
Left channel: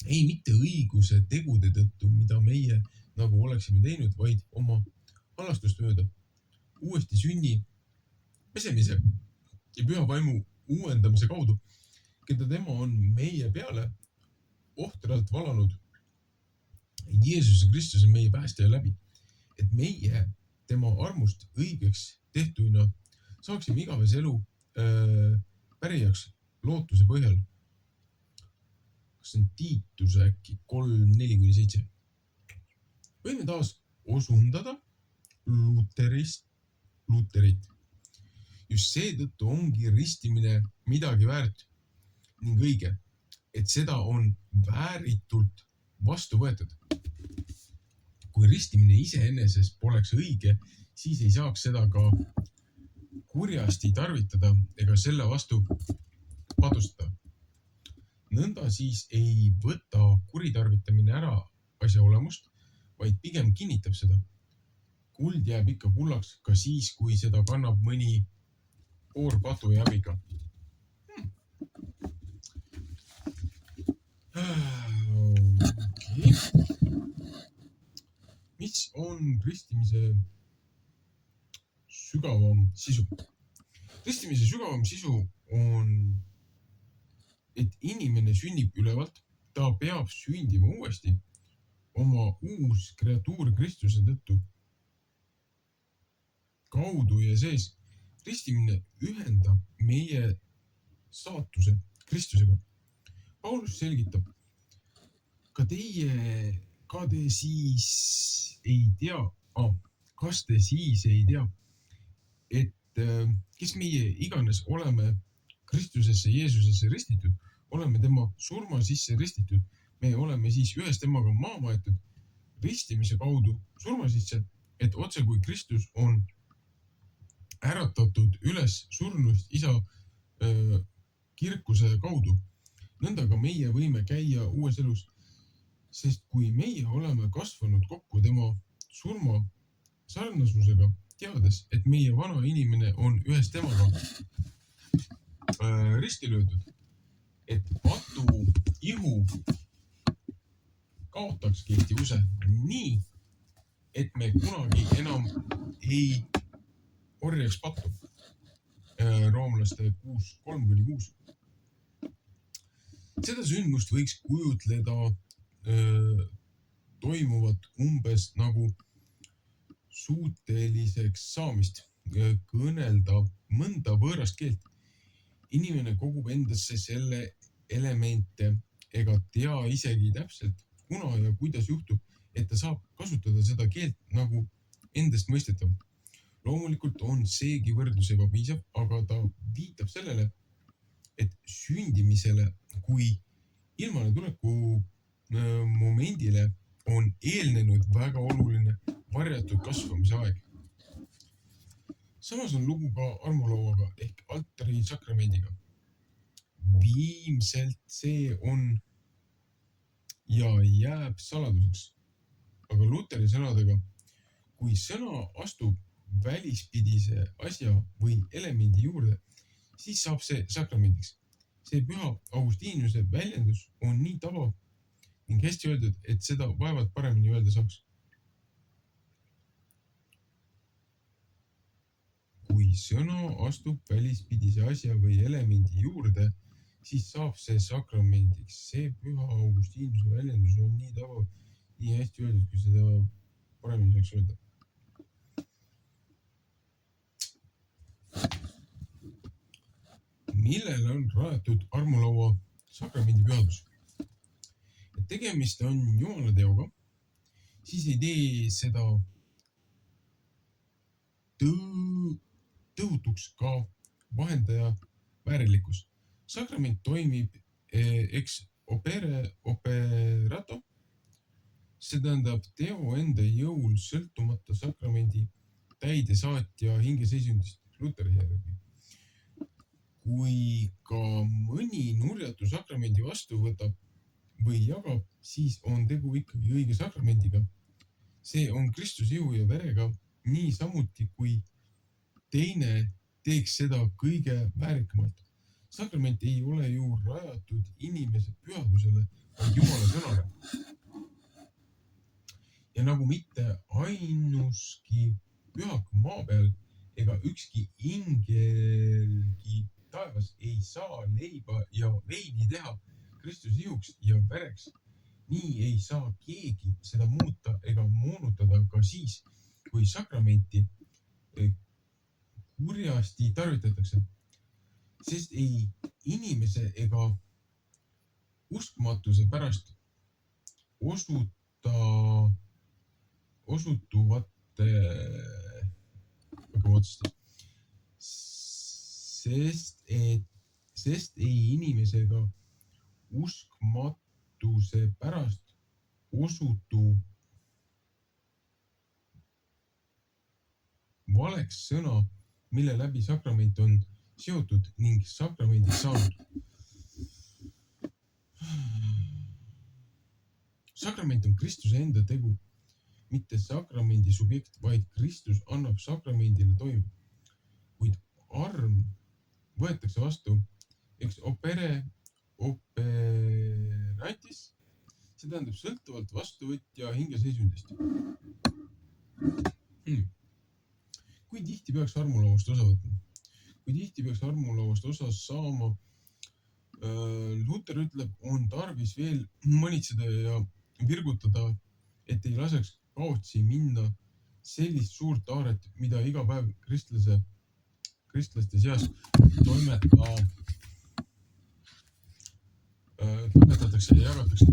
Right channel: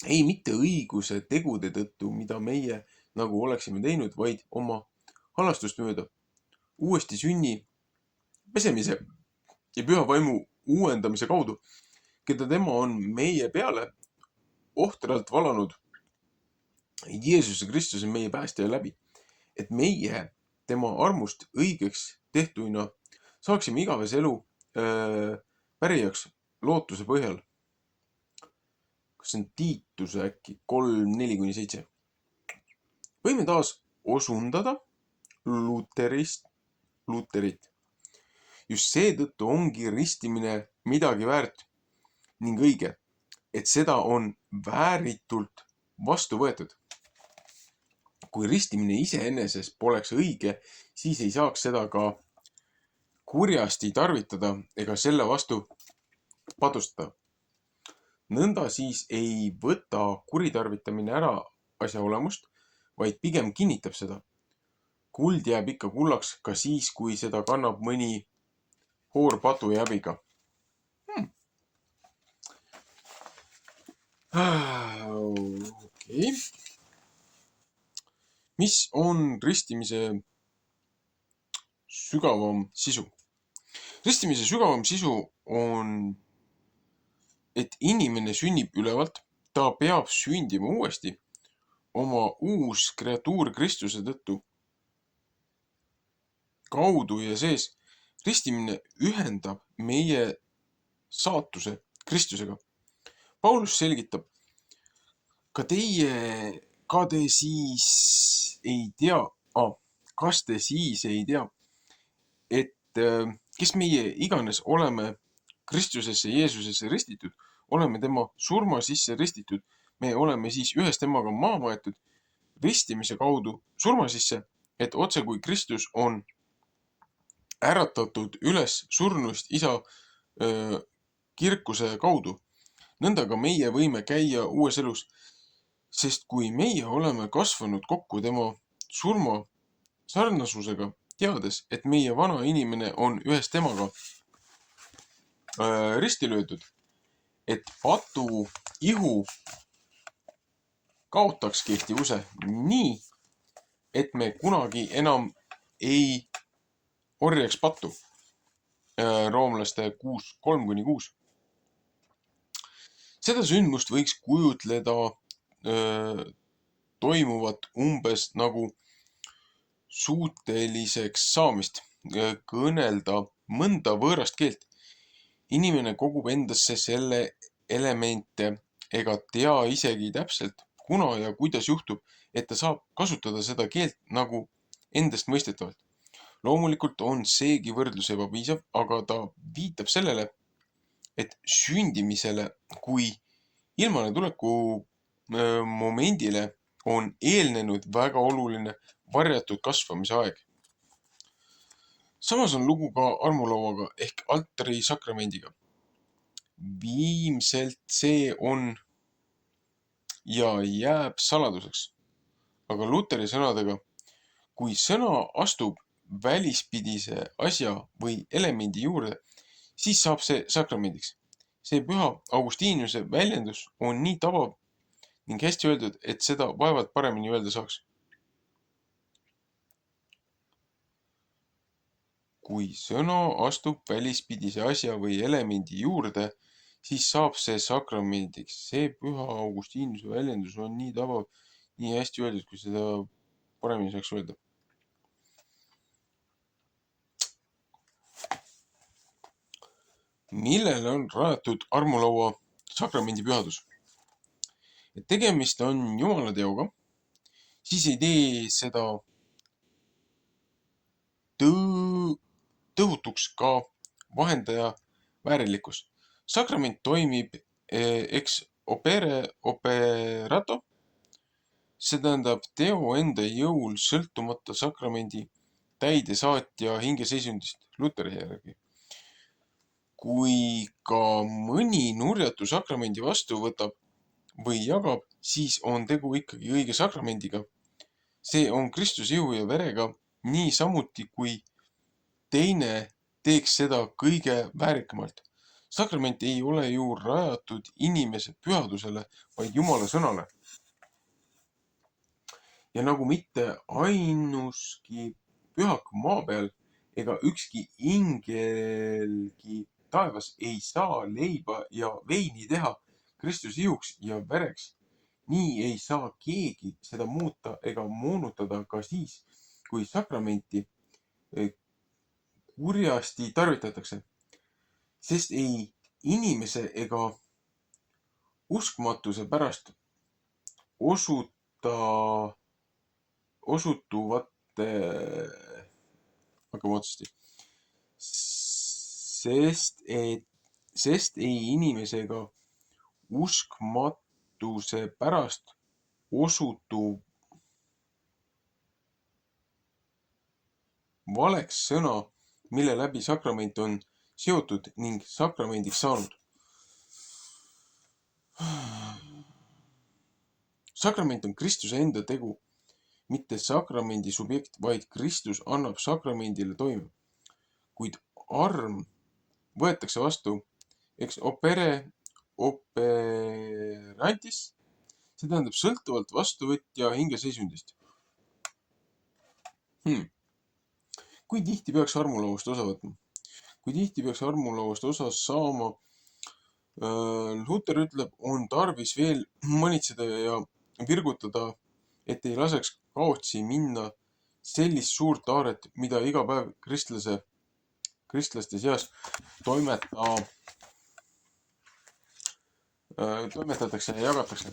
Ei mitte õiguse tegude tõttu, mida meie nagu oleksime teinud, vaid oma halastust mööda. Uuesti sünni pesemise ja püha vaimu uuendamise kaudu, keda tema on meie peale ohtralt valanud Jeesuse Kristuse meie päästja läbi, et meie tema armust õigeks tehtuina saaksime igavese elu pärijaks lootuse põhjal. Kas see on Tiituse äkki 3:4-7? Võime taas osundada Luterit. Just seetõttu ongi ristimine midagi väärt ning õige, et seda on vääritult vastu võetud. Kui ristimine iseeneses poleks õige, siis ei saaks seda ka kurjasti tarvitada ega selle vastu patustada. Nõnda siis ei võta kuritarvitamine ära asja olemust, vaid pigem kinnitab seda. Kuld jääb ikka kullaks ka siis, kui seda kannab mõni poor patu ja häbiga. Okei. Mis on ristimise sügavam sisu? Ristimise sügavam sisu on, et inimene sünnib ülevalt, ta peab sündima uuesti oma uus kreatuur Kristuse tõttu kaudu ja sees. Ristimine ühendab meie saatuse Kristusega. Paulus selgitab, kas te siis ei tea, et kes meie iganes oleme Kristusesse Jeesusesse ristitud, oleme tema surma sisse ristitud. Me oleme siis ühes temaga maa maetud ristimise kaudu surma sisse, et otse kui Kristus on äratatud üles surnust isa kirkuse kaudu. Nõnda ka meie võime käia uues elus. Sest kui meie oleme kasvanud kokku tema surma sarnasusega, teades, et meie vana inimene on ühes temaga risti löödud, et patu ihu kaotaks kehtivuse nii, et me kunagi enam ei orjaks pattu. Roomlaste 6:3-6. Seda sündmust võiks kujutleda toimuvat umbes nagu suuteliseks saamist, kõnelda mõnda võõrast keelt. Inimene kogub endasse selle elemente ega tea isegi täpselt, kuna ja kuidas juhtub, et ta saab kasutada seda keelt nagu endast mõistetavalt. Loomulikult on seegi võrdlus ebapiisav, aga ta viitab sellele, et sündimisele kui ilmale tuleku momendile on eelnenud väga oluline varjatud kasvamise aeg. Samas on lugu ka armulauaga ehk altari sakramendiga. Viimselt see on ja jääb saladuseks. Aga Luteri sõnadega, kui sõna astub välispidise asja või elemendi juurde, siis saab see sakramendiks. See püha Augustiinuse väljendus on nii tabav ning hästi öeldud, et seda vaevalt paremini öelda saaks. Kui sõna astub välispidise asja või elemendi juurde, siis saab see sakramendiks. See püha Augustiinuse väljendus on nii tabav, nii hästi öeldud, kui seda paremini saaks öelda. Millele on rajatud armulaua sakramendi pühadus? Et tegemist on Jumala teoga, siis ei tee seda tõhutuks ka vahendaja väärilikkus. Sakrament toimib ex operato, see tähendab teo enda jõul sõltumata sakramendi täidesaatja hingeseisundist Luteri järgi. Kui ka mõni nurjatu sakramendi vastu võtab või jagab, siis on tegu ikkagi õige sakramendiga. See on Kristuse jõu ja verega, nii samuti kui teine teeks seda kõige väärikamalt. Sakrament ei ole ju rajatud inimese pühadusele, vaid Jumala sõnale. Ja nagu mitte ainuski pühak maa peal ega ükski ingelgi taevas ei saa leiba ja veini teha Kristuse jõuks ja vereks. Nii ei saa keegi seda muuta ega moonutada ka siis, kui sakramenti kurjasti tarvitatakse, sest ei inimese ega uskmatuse pärast osutuvate, hakkame otsasti, sest ei inimese ega uskmatuse pärast osutuv valeks sõna, mille läbi sakrament on seotud ning sakramendiks saanud. Sakrament on Kristuse enda tegu, mitte sakramendi subjekt, vaid Kristus annab sakramendile toime. Kuid arm võetakse vastu ex operatis, see tähendab sõltuvalt vastuvõtja hingeseisundist. Kui tihti peaks armulauast osa võtma? Kui tihti peaks armulauast osa saama? Luther ütleb, on tarvis veel manitseda ja virgutada, et ei laseks kaotsi minna sellist suurt aaret, mida iga päev kristlaste seas toimetatakse ja jagatakse.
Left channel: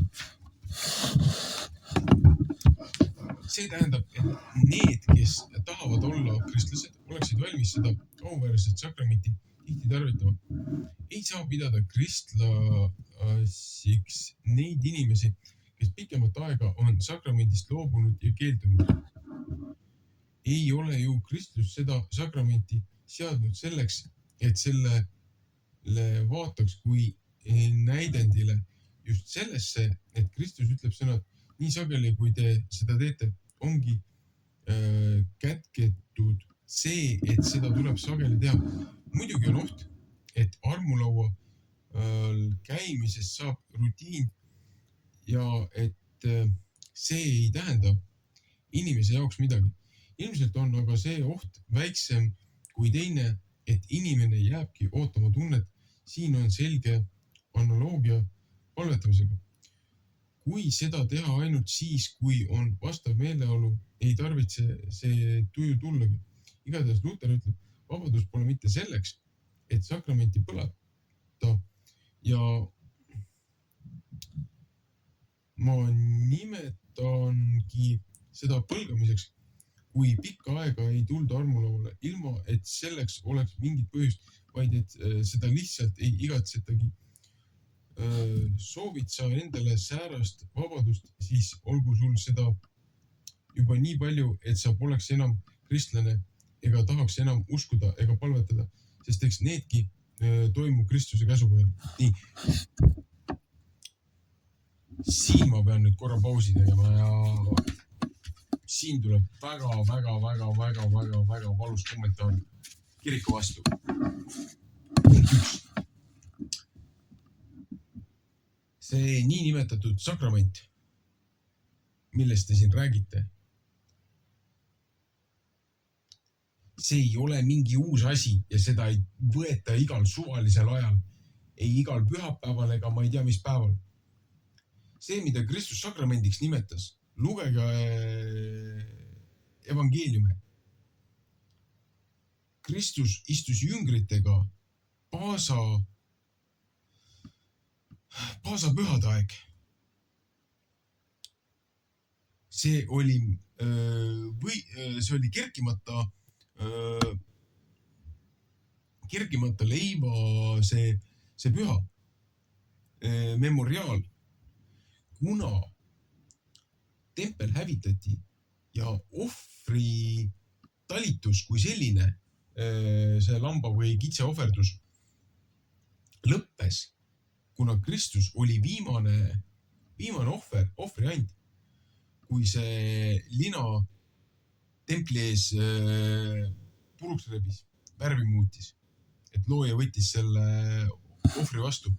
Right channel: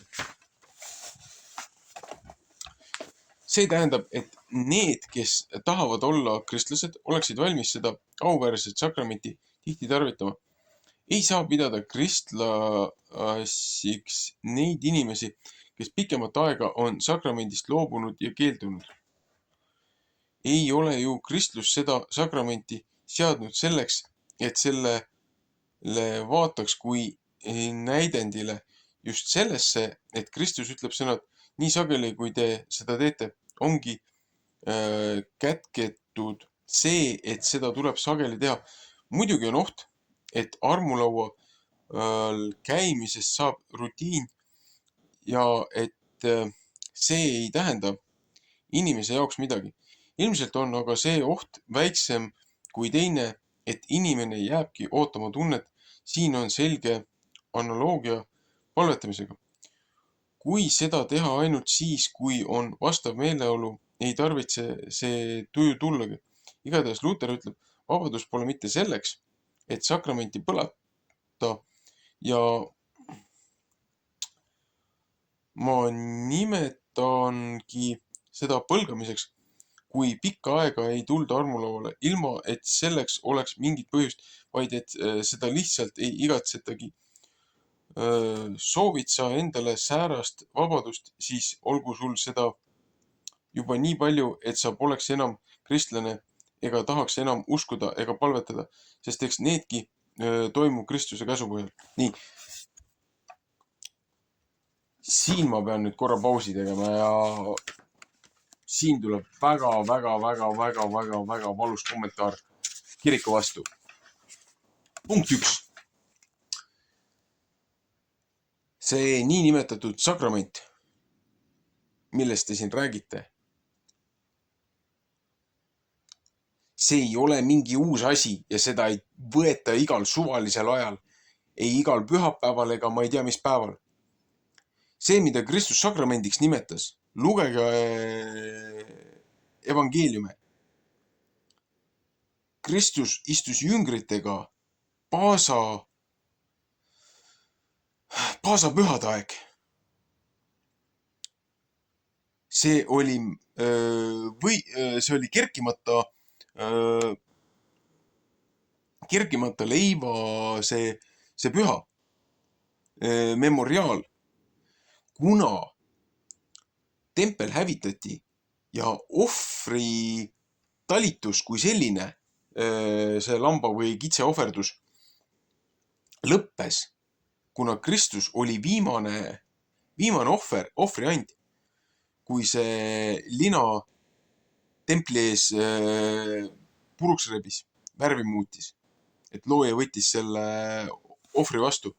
See tähendab, et need, kes tahavad olla kristlased, oleksid valmis seda auväärset sakramenti tihti tarvitama. Ei saa pidada kristlasiks neid inimesi, kes pikemat aega on sakramendist loobunud ja keeldunud. Ei ole ju kristlus seda sakramenti seadnud selleks, et sellele vaataks kui näidendile just sellesse, et Kristus ütleb sõna, nii sageli, kui te seda teete, ongi kätketud see, et seda tuleb sageli teha. Muidugi on oht, et armulaual käimisest saab rutiin ja et see ei tähenda inimese jaoks midagi. Ilmselt on aga see oht väiksem kui teine, et inimene jääbki ootama tunnet. Siin on selge analoogia palvetamisega. Kui seda teha ainult siis, kui on vastav meeleolu, ei tarvitse see tuju tullagi. Igatahes Luther ütleb, vabadus pole mitte selleks, et sakramenti põlata ja ma nimetangi seda põlgamiseks, kui pikka aega ei tulda armulauale, ilma et selleks oleks mingit põhjust, vaid et seda lihtsalt ei igatsetagi. Soovid sa endale säärast vabadust, siis olgu sul seda juba nii palju, et sa poleks enam kristlane ega tahaks enam uskuda ega palvetada, sest eks needki toimub Kristuse käsu põhjal. Nii. Siin ma pean nüüd korra pausi tegema ja siin tuleb väga valus kommentaar kiriku vastu. Punkt 1. See niinimetatud sakrament, millest te siin räägite, see ei ole mingi uus asi ja seda ei võeta igal suvalisel ajal, ei igal pühapäeval ega ma ei tea, mis päeval. See, mida Kristus sakramendiks nimetas, lugege evangeeliume. Kristus istus jüngritega Paasa pühade aeg. See oli kerkimata leiva see püha memoriaal. Kuna tempel hävitati ja ohvri talitus kui selline, see lamba või kitse ohverdus lõppes, kuna Kristus oli viimane ohvriand, kui see lina templi ees puruks rebis, värvi muutis, et looja võttis selle ohvri vastu.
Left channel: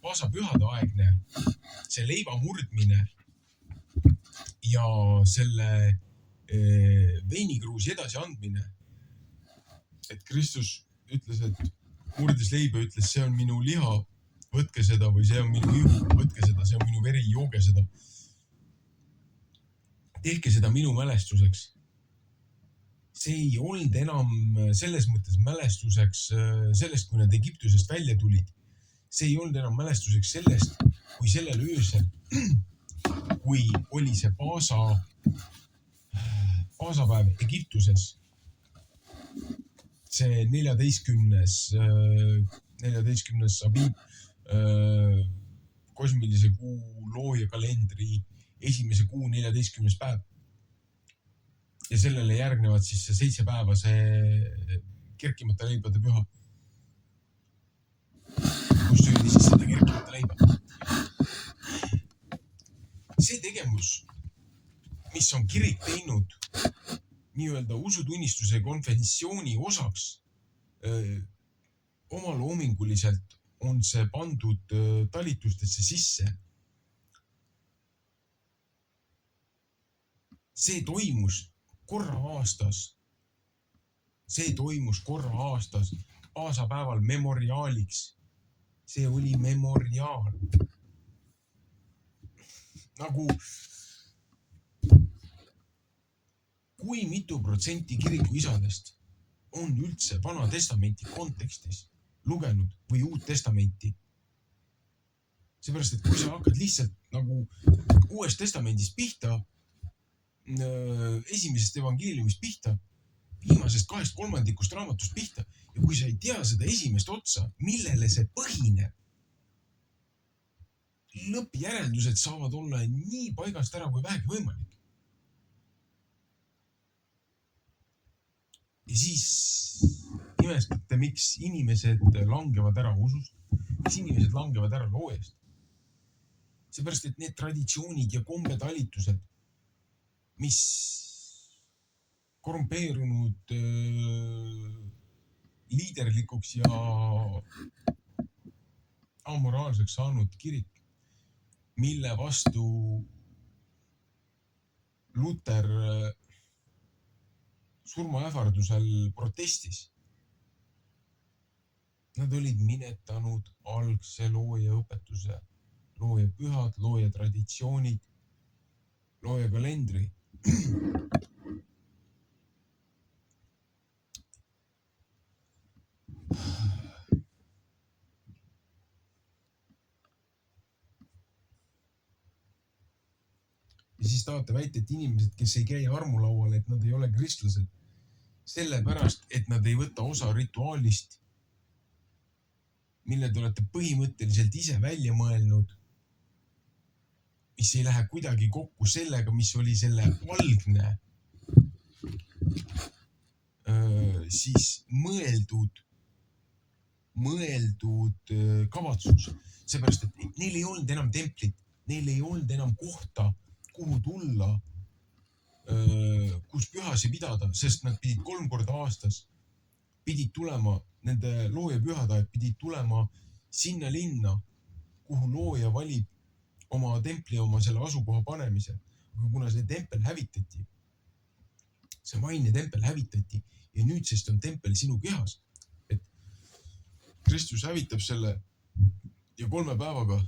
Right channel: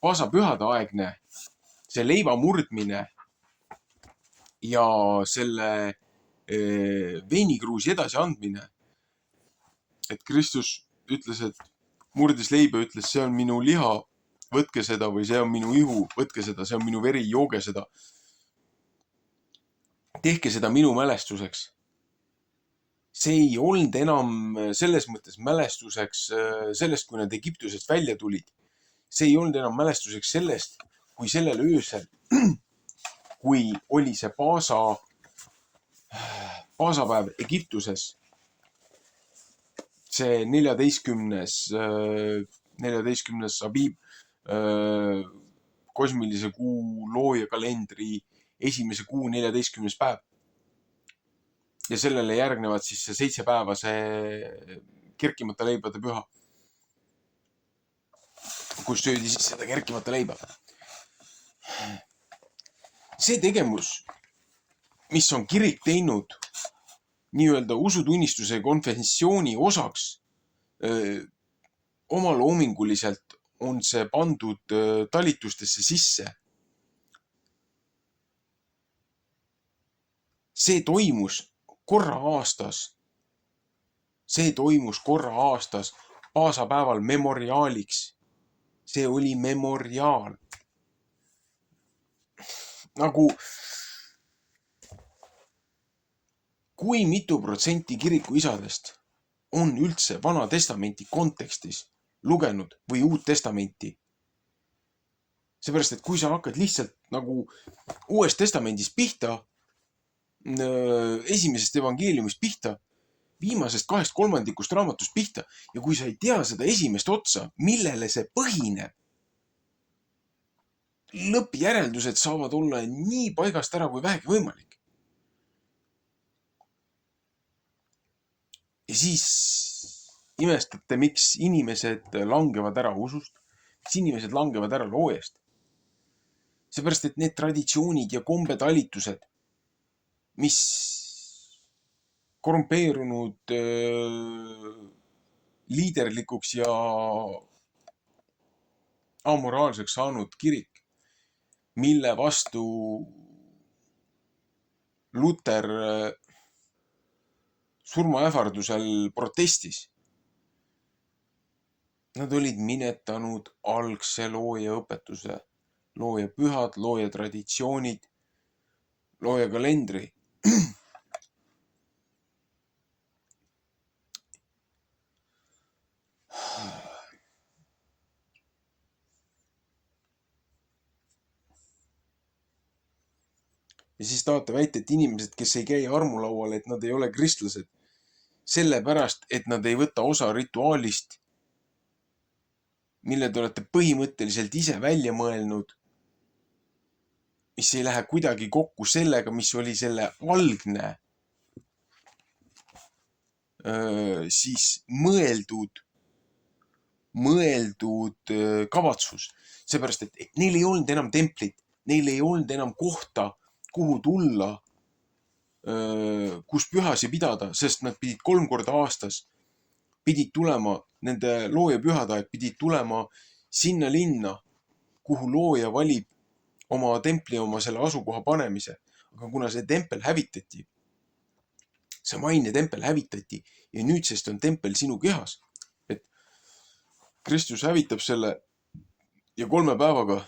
Paasa pühade aegne, see leiva murdmine ja selle veinikruusi edasi andmine. Et Kristus ütles, et murdis leiba, ütles, see on minu liha, võtke seda, või see on minu ihu, võtke seda, see on minu veri, jooge seda. Tehke seda minu mälestuseks. See ei olnud enam selles mõttes mälestuseks sellest, kui nad Egiptusest välja tulid. See ei olnud enam mälestuseks sellest, kui sellel öösel, kui oli see paasapäev Egiptuses, see 14. Abib, kosmilise kuu looja kalendri esimese kuu 14. päev. Ja sellele järgnevad siis see 7 päeva see kerkimata leibade püha, kus söödi siis seda kerkimata leiba. See tegevus, mis on kirik teinud nii-öelda usutunnistuse ja konfessiooni osaks, omaloominguliselt on see pandud talitustesse sisse. See toimus korra aastas, paasapäeval memoriaaliks. See oli memoriaal. Nagu kui mitu protsenti kiriku isadest on üldse Vana Testamenti kontekstis lugenud või Uut Testamenti? Seepärast, et kui sa hakkad lihtsalt nagu Uuest Testamendist pihta, esimesest evangeeliumist pihta, viimasest 2/3 raamatust pihta ja kui sa ei tea seda esimest otsa, millele see põhineb, lõppjäreldused saavad olla nii paigast ära kui vähegi võimalik. Ja siis imestate, miks inimesed langevad ära usust, miks inimesed langevad ära loojast. Seepärast, et need traditsioonid ja kombetalitused, mis korrumpeerunud liiderlikuks ja amoraalseks saanud kirik, mille vastu Luter surmaähvardusel protestis. Nad olid minetanud algse looja õpetuse, looja pühad, looja traditsioonid, looja kalendri. Ja siis tahate väita, et inimesed, kes ei käi armulaual, et nad ei ole kristlased, sellepärast, et nad ei võta osa rituaalist, mille te olete põhimõtteliselt ise välja mõelnud, mis ei lähe kuidagi kokku sellega, mis oli selle algne siis mõeldud kavatsus. Seepärast, et neil ei olnud enam templit, neil ei olnud enam kohta, kuhu tulla, kus pühasi pidada, sest nad pidid 3 korda aastas, pidid tulema, nende looja pühadaeg pidid tulema sinna linna, kuhu looja valib oma templi, oma selle asukoha panemise. Aga kuna see tempel hävitati, see maine tempel hävitati ja nüüdsest on tempel sinu kehas, et Kristus hävitab selle ja 3 päevaga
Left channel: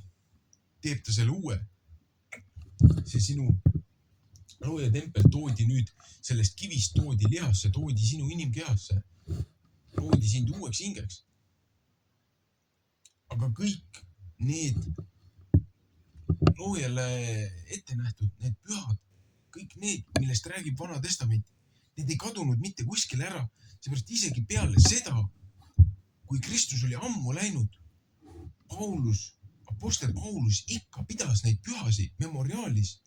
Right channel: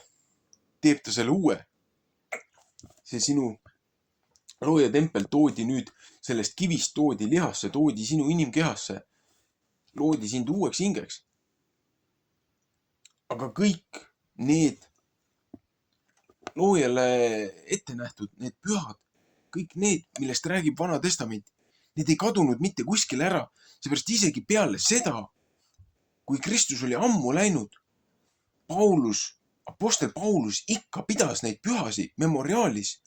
teeb ta selle uue. See sinu looja tempel toodi nüüd sellest kivist, toodi lihasse, toodi sinu inimkehasse, toodi sind uueks hingeks. Aga kõik need loojale ette nähtud, need pühad, kõik need, millest räägib Vana Testament, need ei kadunud mitte kuskile ära, seepärast isegi peale seda, kui Kristus oli ammu läinud, apostel Paulus ikka pidas neid pühasi memoriaalis.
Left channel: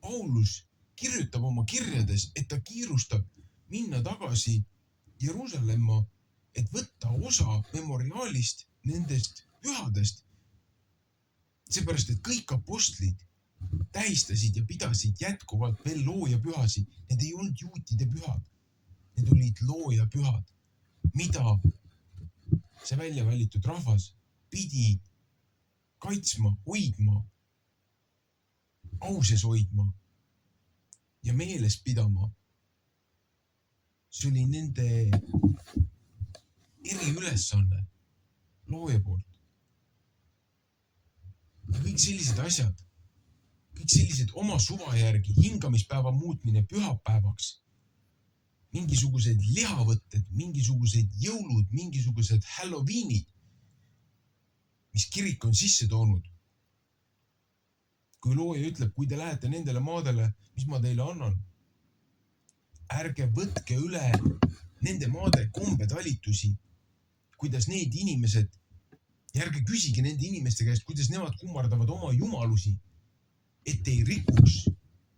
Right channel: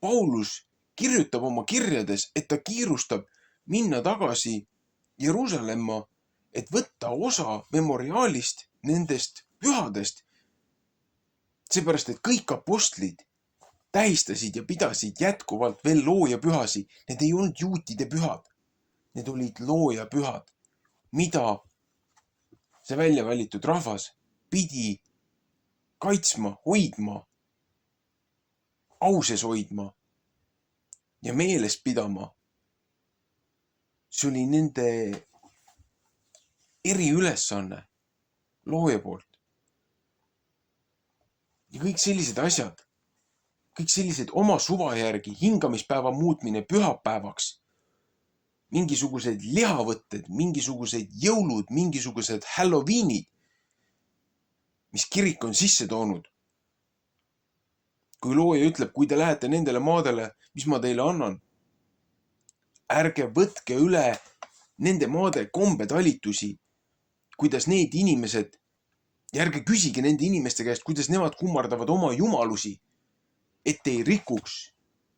Paulus kirjutab oma kirjades, et ta kiirustab minna tagasi Jeruusalemma, et võtta osa memoriaalist nendest pühadest. Seepärast, et kõik apostlid tähistasid ja pidasid jätkuvalt veel looja pühasi. Need ei olnud juutide pühad. Need olid looja pühad, mida see välja valitud rahvas pidi kaitsma, hoidma, au sees hoidma ja meeles pidama. See oli nende eriülesanne looja poolt. Ja kõik sellised asjad, kõik sellised oma suva järgi hingamispäeva muutmine pühapäevaks, mingisugused lihavõtted, mingisugused jõulud, mingisugused Halloweenid, mis kirik on sisse toonud. Kui looja ütleb, kui te lähete nendele maadele, mis ma teile annan, ärge võtke üle nende maade kombetalitusi, kuidas need inimesed, ja ärge küsige nende inimeste käest, kuidas nemad kummardavad oma jumalusi, et ei rikuks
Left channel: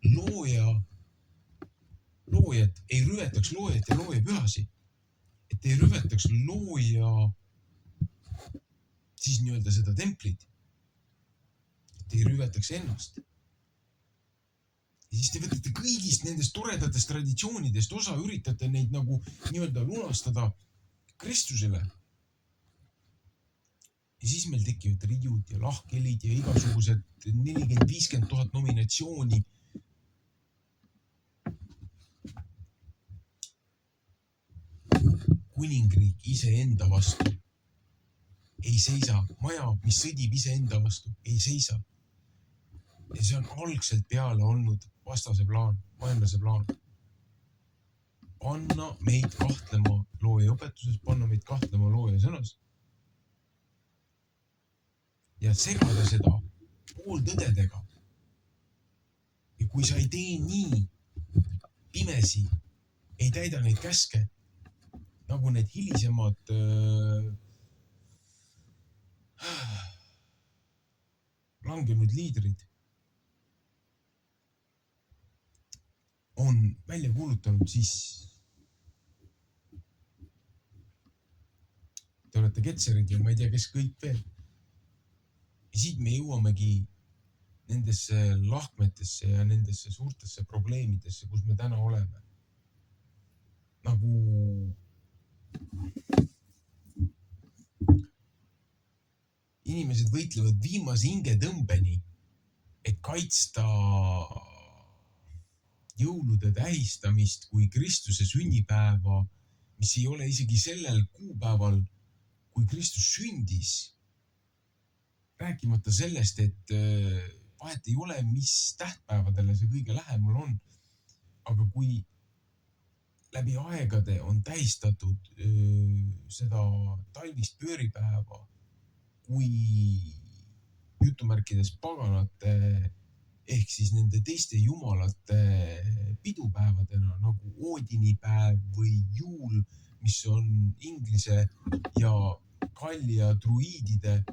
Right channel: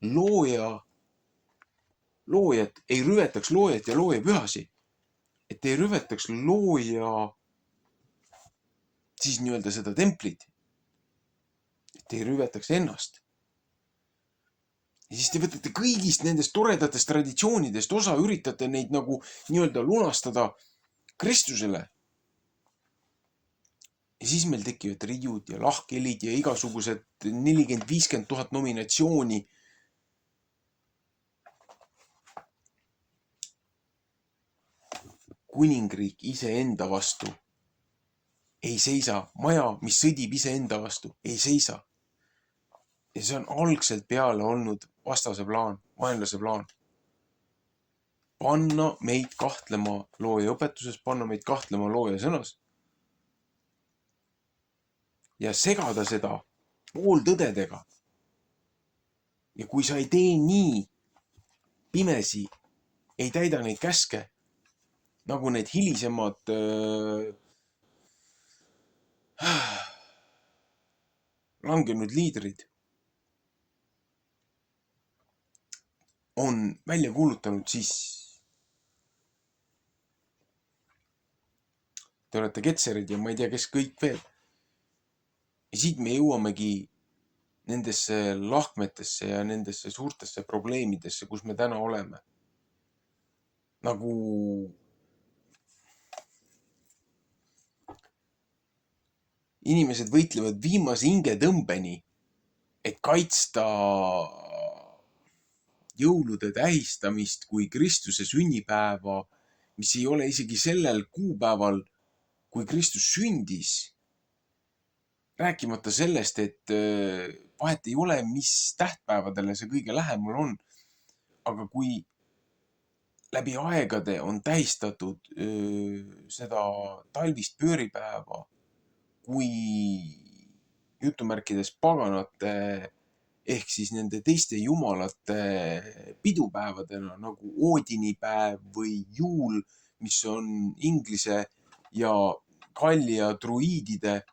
loojat, ei rüvetaks loojat ja looja pühasi, et ei rüvetaks looja siis nii-öelda seda templit, et ei rüvetaks ennast. Ja siis te võtate kõigist nendest toredatest traditsioonidest osa, üritate neid nagu nii-öelda lunastada Kristusele. Ja siis meil tekivad riiud ja lahkhelid ja igasugused 40-50 000 nominatsiooni. Kuningriik iseenda vastu ei seisa. Maja, mis sõdib iseenda vastu, ei seisa. Ja see on algselt peale olnud vastase plaan, vaenlase plaan. Panna meid kahtlema looja õpetuses, panna meid kahtlema looja sõnas. Ja segada seda pooltõdedega. Ja kui sa ei tee nii pimesi, ei täida neid käske, nagu need hilisemad langenud liidrid on välja kuulutanud, siis te olete ketserid ja ma ei tea, kes kõik veel. Ja siit me jõuamegi nendesse lahkmetesse ja nendesse suurtesse probleemidesse, kus me täna oleme. Nagu inimesed võitlevad viimase hingetõmbeni, et kaitsta jõulude tähistamist kui Kristuse sünnipäeva, mis ei ole isegi sellel kuupäeval, kui Kristus sündis. Rääkimata sellest, et vahet ei ole, mis tähtpäevadele see kõige lähemal on. Aga kui läbi aegade on tähistatud seda talvist pööripäeva kui jutumärkides paganate ehk siis nende teiste jumalate pidupäevadena nagu Oodinipäev või juul, mis on inglise ja Gallia druiidide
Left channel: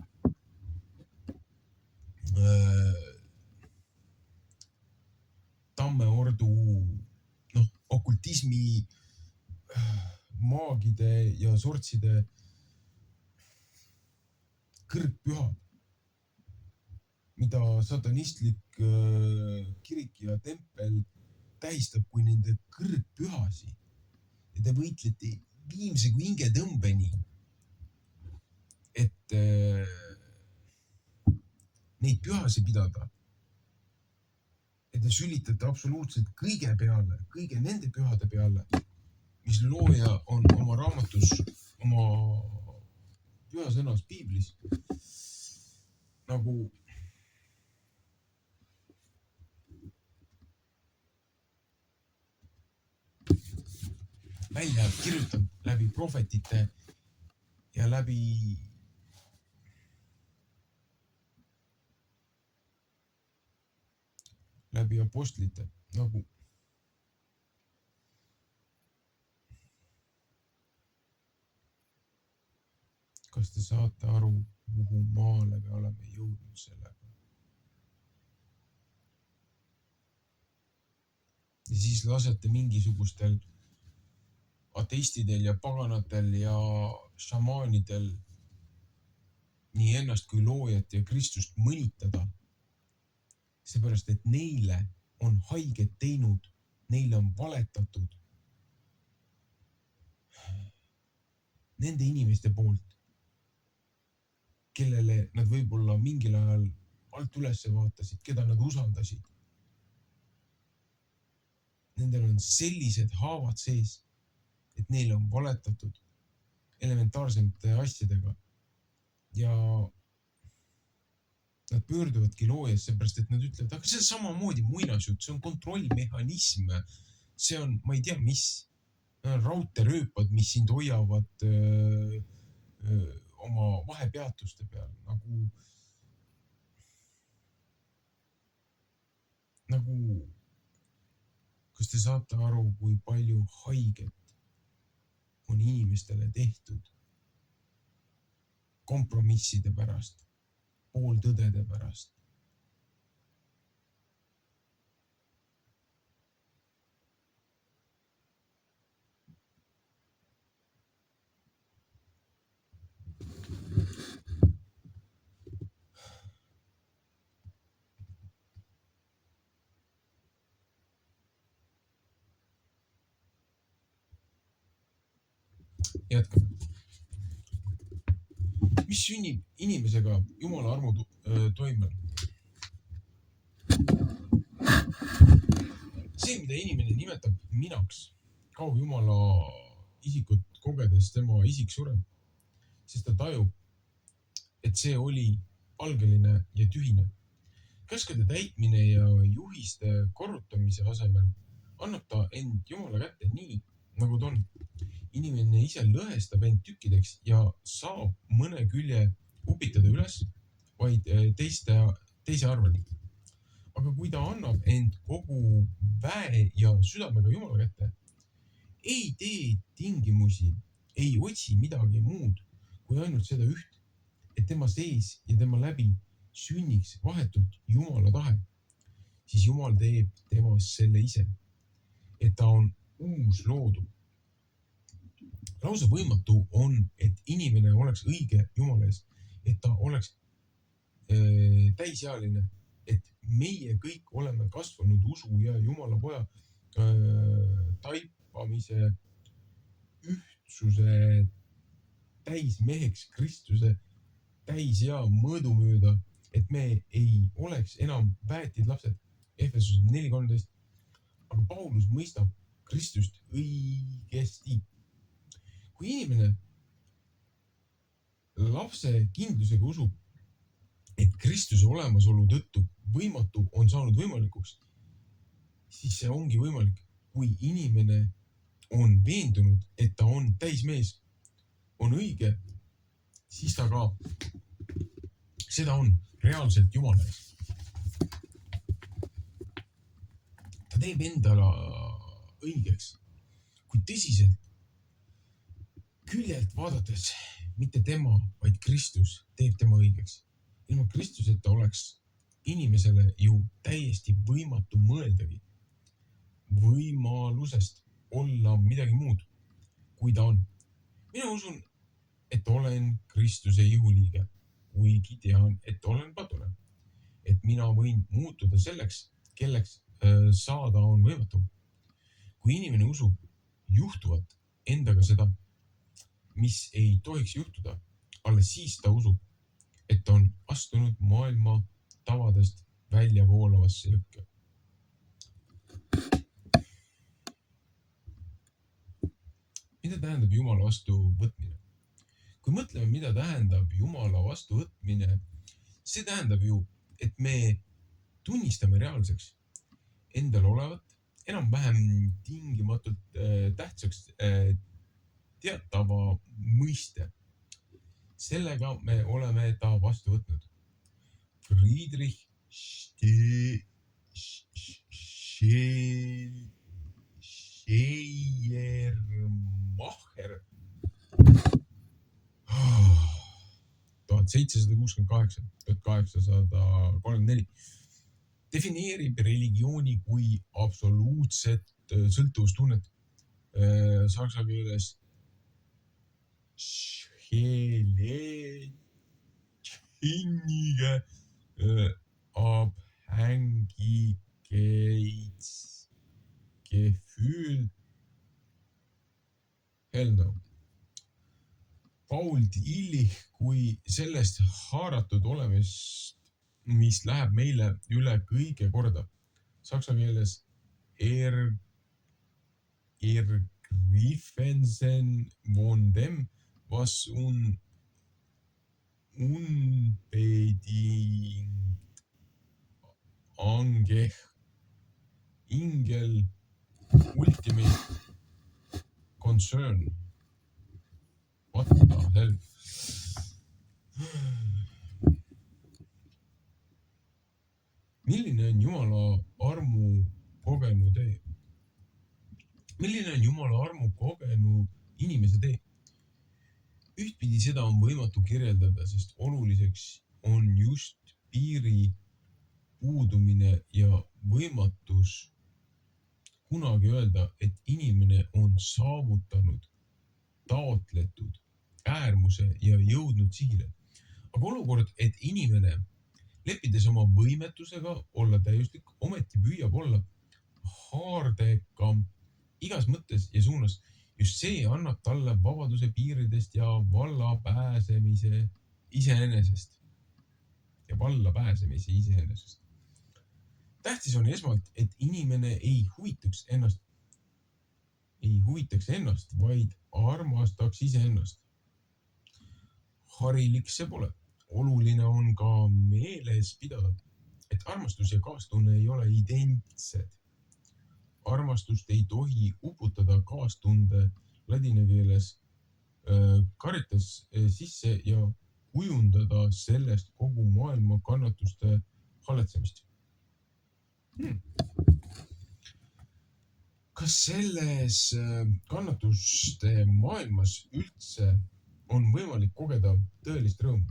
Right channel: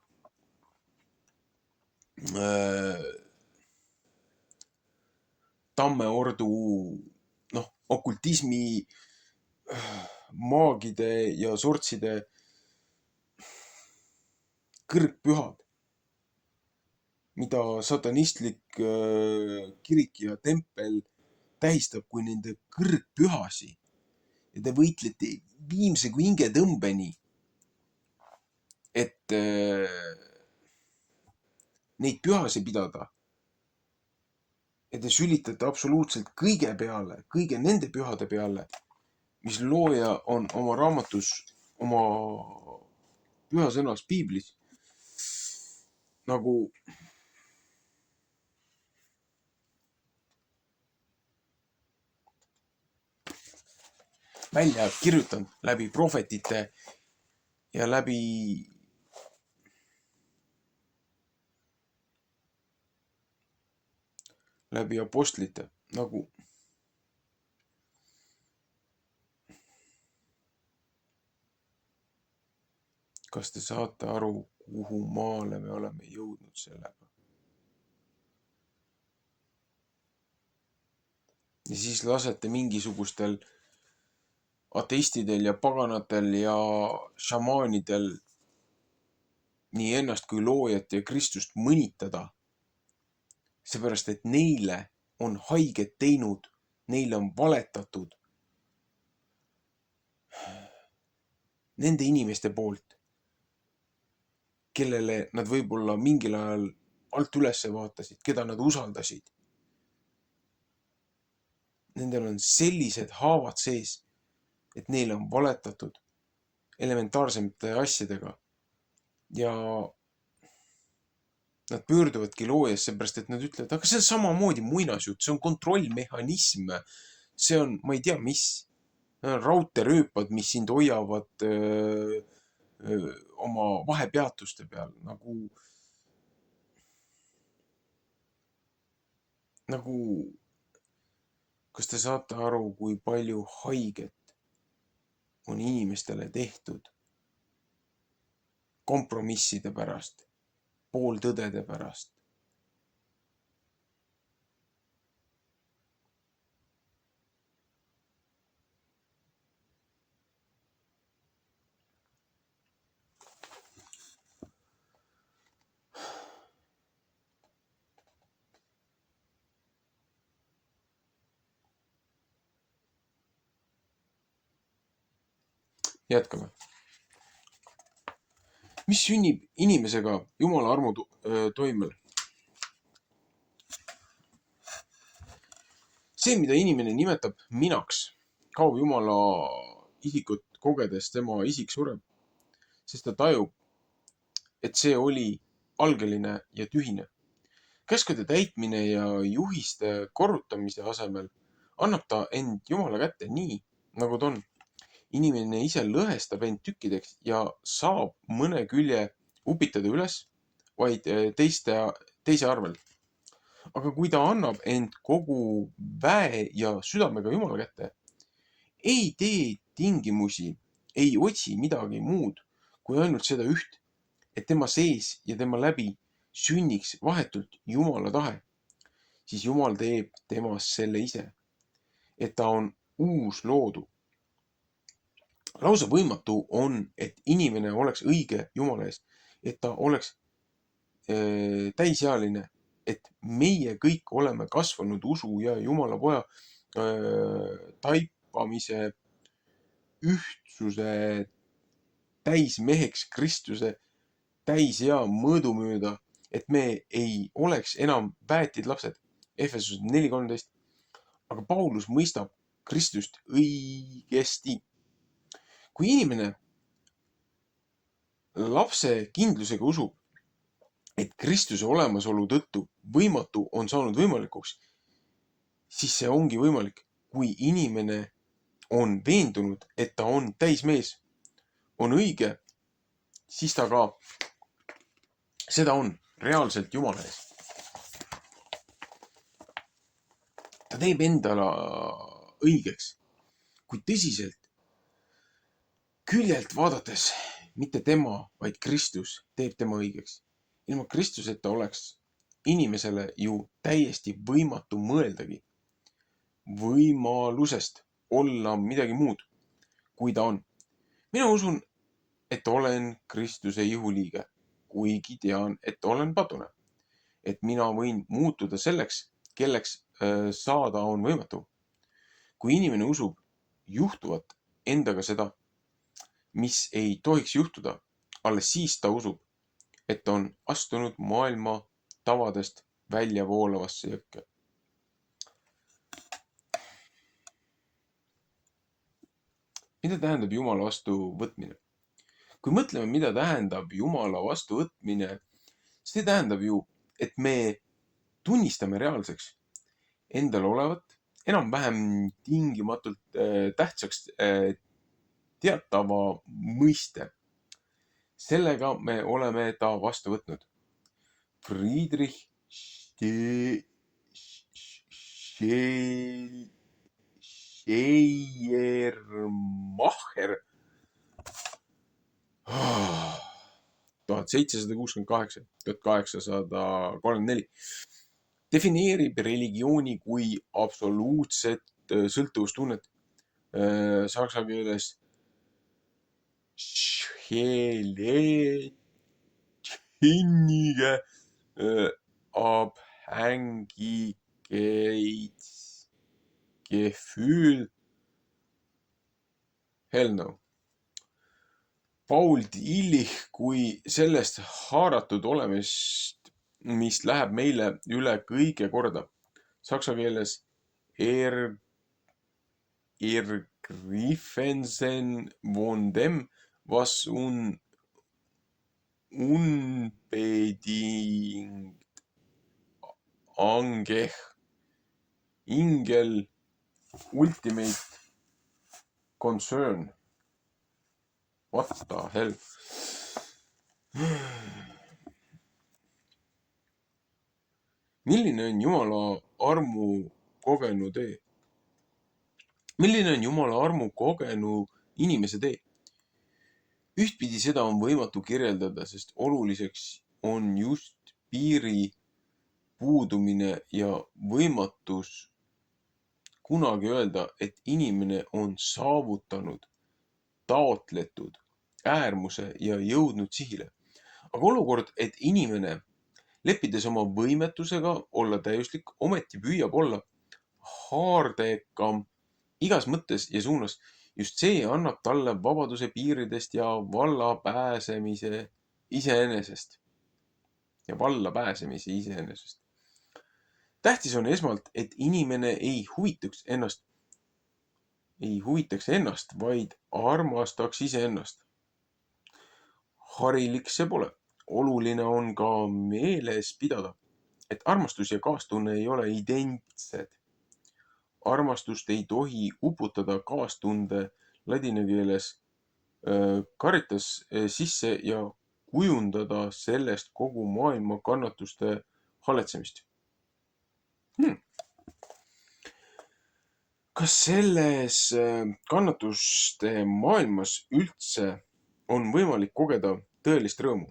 tammeordu, okultismi, maagide ja sortside kõrgpühad, mida satanistlik kirik ja tempel tähistab kui nende kõrgpühasi. Ja te võitlete viimse kui hingetõmbeni, et neid pühasi pidada. Ja te sülitate absoluutselt kõige peale, kõige nende pühade peale, mis looja on oma raamatus, oma pühasõnas piiblis nagu välja kirjutanud läbi prohvetite ja läbi apostlite, nagu kas te saate aru, kuhu maale me oleme jõudnud sellega? Ja siis lasete mingisugustel ateistidel ja paganatel ja šamaanidel nii ennast kui loojat ja Kristust mõnitada. Seepärast, et neile on haiget teinud, neile on valetatud nende inimeste poolt, kellele nad võib-olla mingil ajal alt üles vaatasid, keda nad usaldasid. Nendel on sellised haavad sees, et neile on valetatud elementaarsemate asjadega ja nad pöörduvadki loojas, seepärast, et nad ütlevad, aga see on samamoodi muinasjutt, see on kontrollmehhanism, see on, ma ei tea, mis, raudteerööpad, mis sind hoiavad oma vahepeatuste peal, nagu, kas te saate aru, kui palju haiget on inimestele tehtud kompromisside pärast, pooltõdede pärast. Jätkame. Mis sünnib inimesega Jumala armu toimel? See, mida inimene nimetab minaks, kaob Jumala isikut kogedes, tema isik sureb, sest ta tajub, et see oli algeline ja tühine. Käskude täitmine ja juhiste korrutamise asemel annab ta end Jumala kätte nii, nagu ta on. Inimene ise lõhestab end tükkideks ja saab mõne külje upitada üles vaid teise arvel. Aga kui ta annab end kogu väe ja südamega Jumala kätte, ei tee tingimusi, ei otsi midagi muud kui ainult seda üht, et tema sees ja tema läbi sünniks vahetult Jumala tahe, siis Jumal teeb temas selle ise, et ta on uus loodu. Lausa võimatu on, et inimene oleks õige Jumala eest, et ta oleks täisealine, et meie kõik oleme kasvanud usu ja Jumala poja taipamise ühtsuse täismeheks Kristuse täisea mõõdu mööda, et me ei oleks enam väetid lapsed. Efesus 4:13. Aga Paulus mõistab Kristust õigesti. Kui inimene lapse kindlusega usub, et Kristuse olemasolu tõttu võimatu on saanud võimalikuks, siis see ongi võimalik. Kui inimene on veendunud, et ta on täismees, on õige, siis ta ka seda on reaalselt Jumala ees. Ta teeb endale õigeks, kui tõsiselt küljelt vaadates mitte tema, vaid Kristus teeb tema õigeks. Ilma Kristuseta oleks inimesele ju täiesti võimatu mõeldagi võimalusest olla midagi muud, kui ta on. Mina usun, et olen Kristuse ihuliige, kuigi tean, et olen patune. Et mina võin muutuda selleks, kelleks saada on võimatu. Kui inimene usub juhtuvat endaga seda, mis ei tohiks juhtuda, alles siis ta usub, et ta on astunud maailma tavadest välja voolavasse jõkke. Mida tähendab Jumala vastu võtmine? Kui mõtleme, mida tähendab Jumala vastu võtmine, see tähendab ju, et me tunnistame reaalseks endal olevat, enam-vähem tingimatult tähtsaks teatava mõiste. Sellega me oleme ta vastu võtnud. Friedrich Schleiermacher 1768-1834 defineerib religiooni kui absoluutset sõltuvustunnet. Saksa keeles Schleierige Abhängigkeitsgefühl. Hell no. Paul Tillich kui sellest haaratud olemist, mis läheb meile üle kõige korda. Saksa keeles Ergriffensen von dem, was unbedingt angeh ingel ultimate concern. What the hell? Milline on Jumala armu kogenu tee? Milline on Jumala armu kogenu inimese tee? Ühtpidi seda on võimatu kirjeldada, sest oluliseks on just piiri puudumine ja võimatus kunagi öelda, et inimene on saavutanud taotletud äärmuse ja jõudnud sihile. Aga olukord, et inimene, leppides oma võimetusega olla täiuslik, ometi püüab olla haardekam igas mõttes ja suunas, just see annab talle vabaduse piiridest ja valla pääsemise iseenesest. Tähtis on esmalt, et inimene ei huvitaks ennast, vaid armastaks iseennast. Harilik see pole. Oluline on ka meeles pidada, et armastus ja kaastunne ei ole identsed. Armastust ei tohi uputada kaastunde ladina keeles caritas sisse ja kujundada sellest kogu maailma kannatuste haletsemist. Kas selles kannatuste maailmas üldse on võimalik kogeda tõelist rõõmu?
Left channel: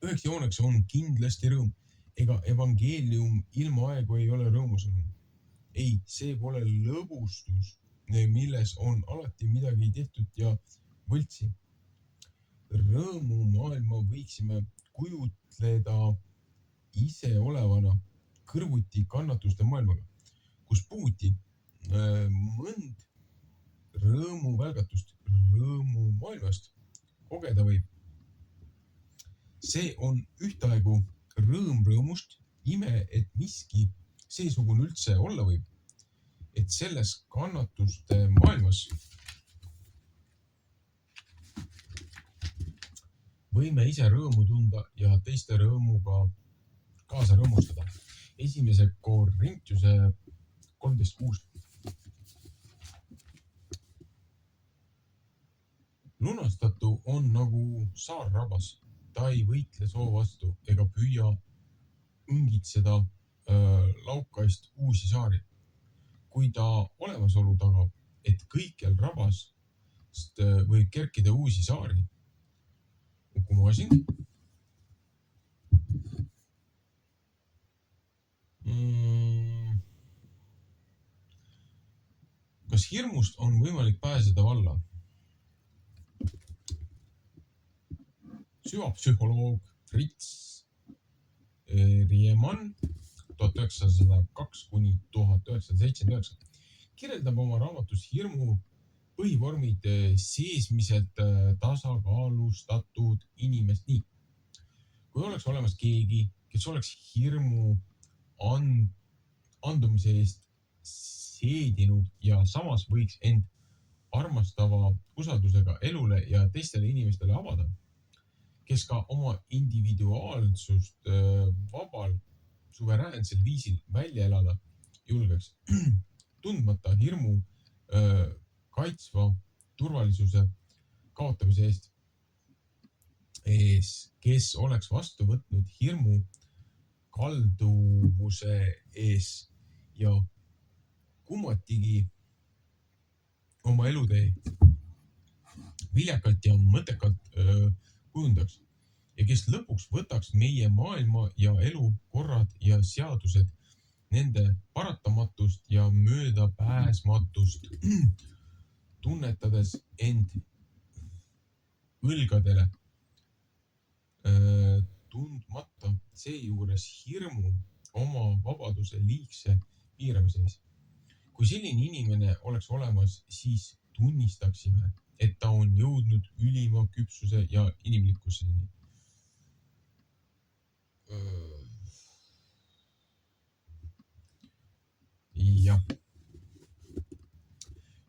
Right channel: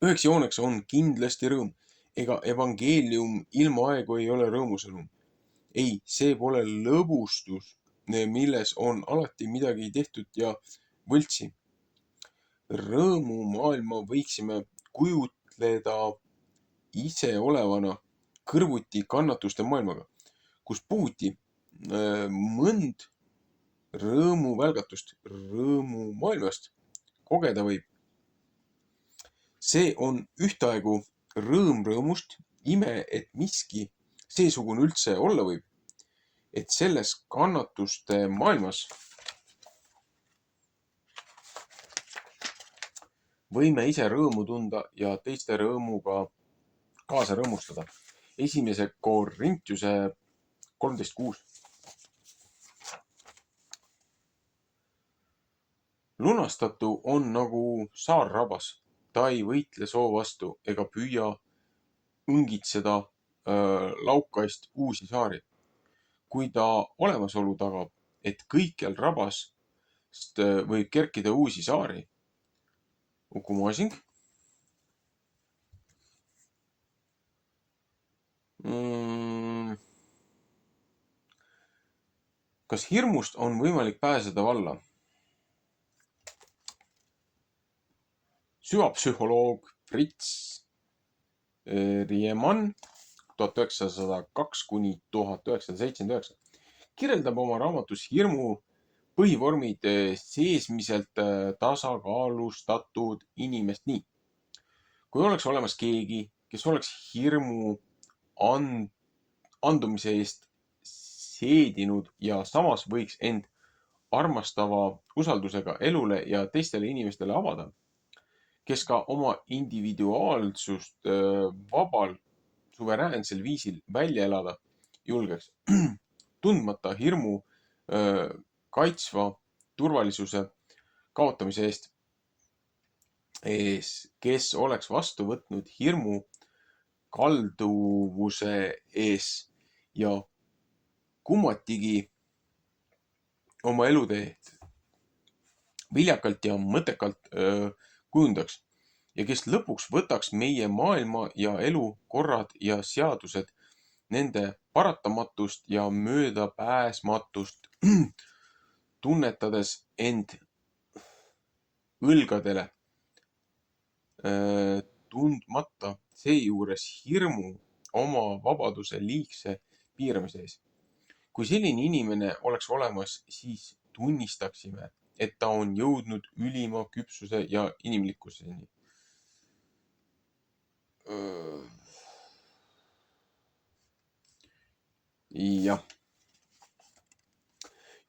Üheks jooneks on kindlasti rõõm. Ega evangeelium ilma aegu ei ole rõõmusõnum. Ei, see pole lõbustus, milles on alati midagi tehtud ja võltsi. Rõõmumaailma võiksime kujutleda iseolevana kõrvuti kannatuste maailmaga, kus puhuti mõnd rõõmuvälgatust rõõmumaailmast kogeda võib. See on ühtaegu rõõm rõõmust, ime, et miski seesugune üldse olla võib, et selles kannatuste maailmas võime ise rõõmu tunda ja teiste rõõmuga kaasa rõõmustada. 1. Korintuse 13.6. Lunastatu on nagu saarrabas. Ta ei võitle soo vastu ega püüa õngitseda laukaist uusi saari. Kui ta olemasolu tagab, et kõikjal rabast võib kerkida uusi saari. Ukumaasing. Kas hirmust on võimalik pääseda valla? Süvapsühholoog Fritz Riemann 1902–1979 kirjeldab oma raamatus hirmu põhivormid seesmiselt tasakaalustatud inimest nii. Kui oleks olemas keegi, kes oleks hirmu andumise eest seedinud ja samas võiks end armastava usaldusega elule ja teistele inimestele avada, kes ka oma individuaalsust vabal, suveräänsel viisil välja elada julgeks, tundmata hirmu kaitsva turvalisuse kaotamise eest, kes oleks vastu võtnud hirmu kalduvuse ees ja kummatigi oma elutee viljakalt ja mõttekalt kujundaks ja kes lõpuks võtaks meie maailma ja elu korrad ja seadused, nende paratamatust ja möödapääsmatust tunnetades end õlgadele, tundmata seejuures hirmu oma vabaduse liigse piiramise ees. Kui selline inimene oleks olemas, siis tunnistaksime, et ta on jõudnud ülima küpsuse ja inimlikkuseni. Jah.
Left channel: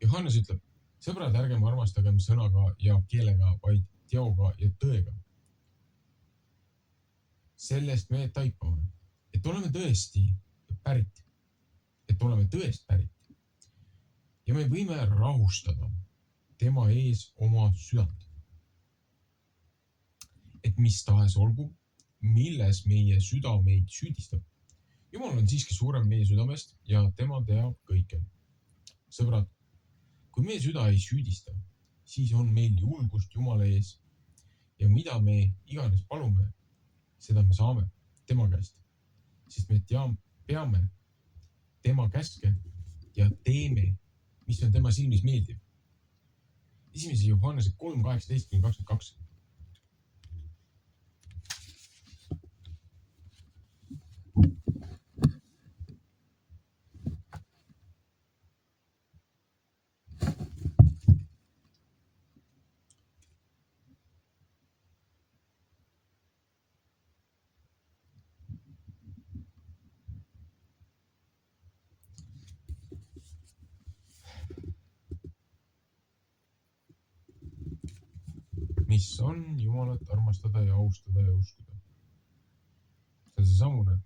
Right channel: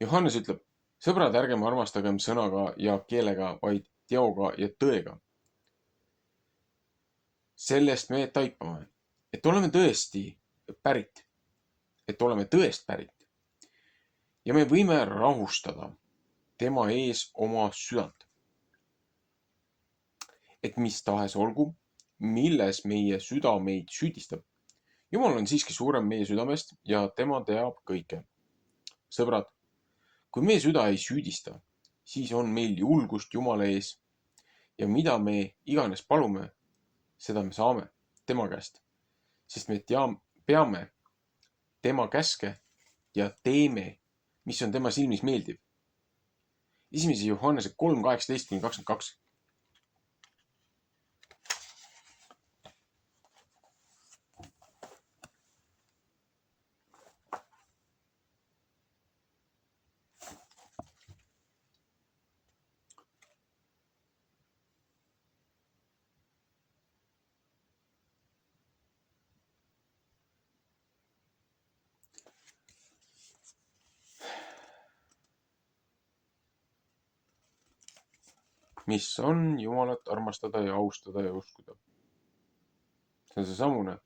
Johannes ütleb, sõbrad, ärgem armastagem sõnaga ja keelega, vaid teoga ja tõega. Sellest me taipame, et oleme tõesti pärit, ja me võime rahustada tema ees oma südant. Et mis tahes olgu, milles meie süda meid süüdistab. Jumal on siiski suurem meie südamest ja tema teab kõike. Sõbrad, kui meie süda ei süüdista, siis on meil julgust Jumala ees ja mida me iganes palume, seda me saame tema käest, sest me peame tema käske ja teeme, mis on tema silmis meeldiv. 1. Johannese 3:18-22. Mis on Jumalat armastada ja austada ja uskuda. See on seesamune.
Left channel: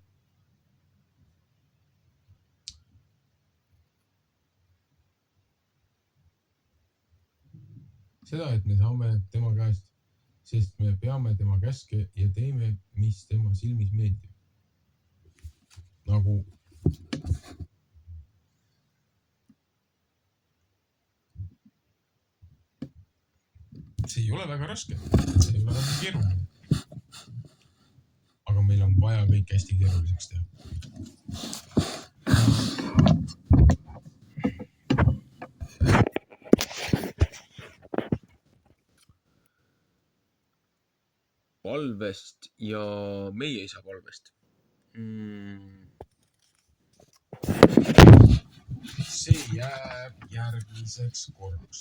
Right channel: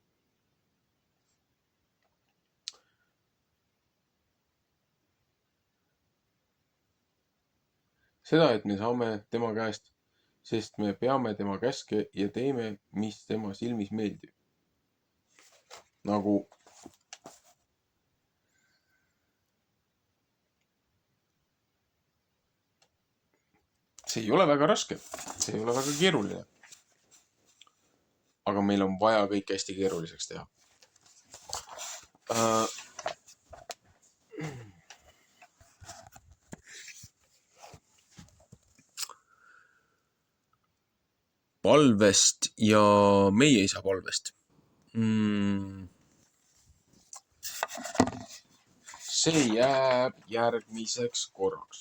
Seda, et me saame tema käest, sest me peame tema käske ja teeme, mis tema silmis meeldib. Nagu see ei ole väga raske, see ei ole väga keeruline. Aga meil on vaja kõik hästi keeruliseks teha. palvest ja meie isa palvest. See jääb järgmiseks korraks.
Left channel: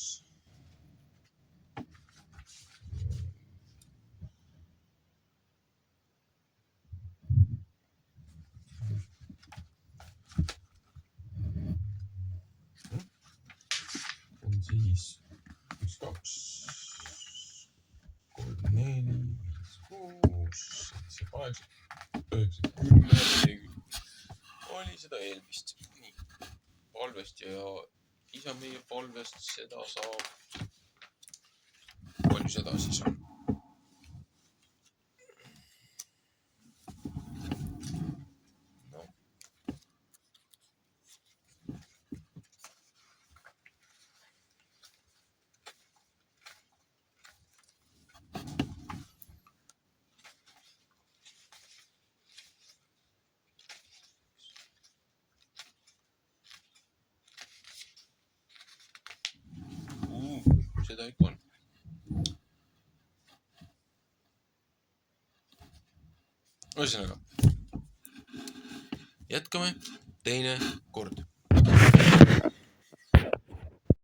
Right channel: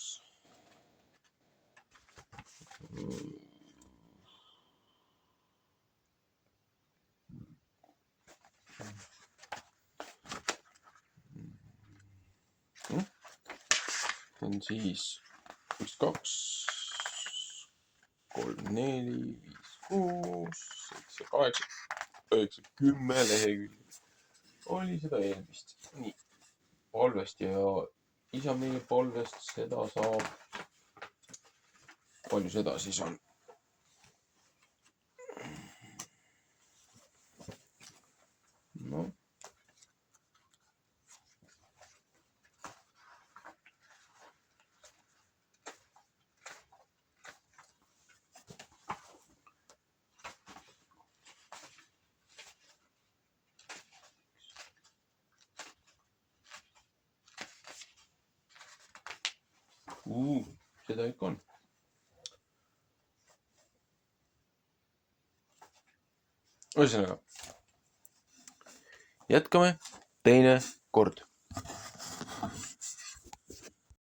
On siis 1, 2, 3, 4, 5, 6, 7, 8, 9, 10 lehekülge. Oli seda eelmist. Nii, palvest ja isa meie palvest, seda saab. Palju seda siis on? No. Seda ikka on. Ühesõnaga, jätkame teine kord.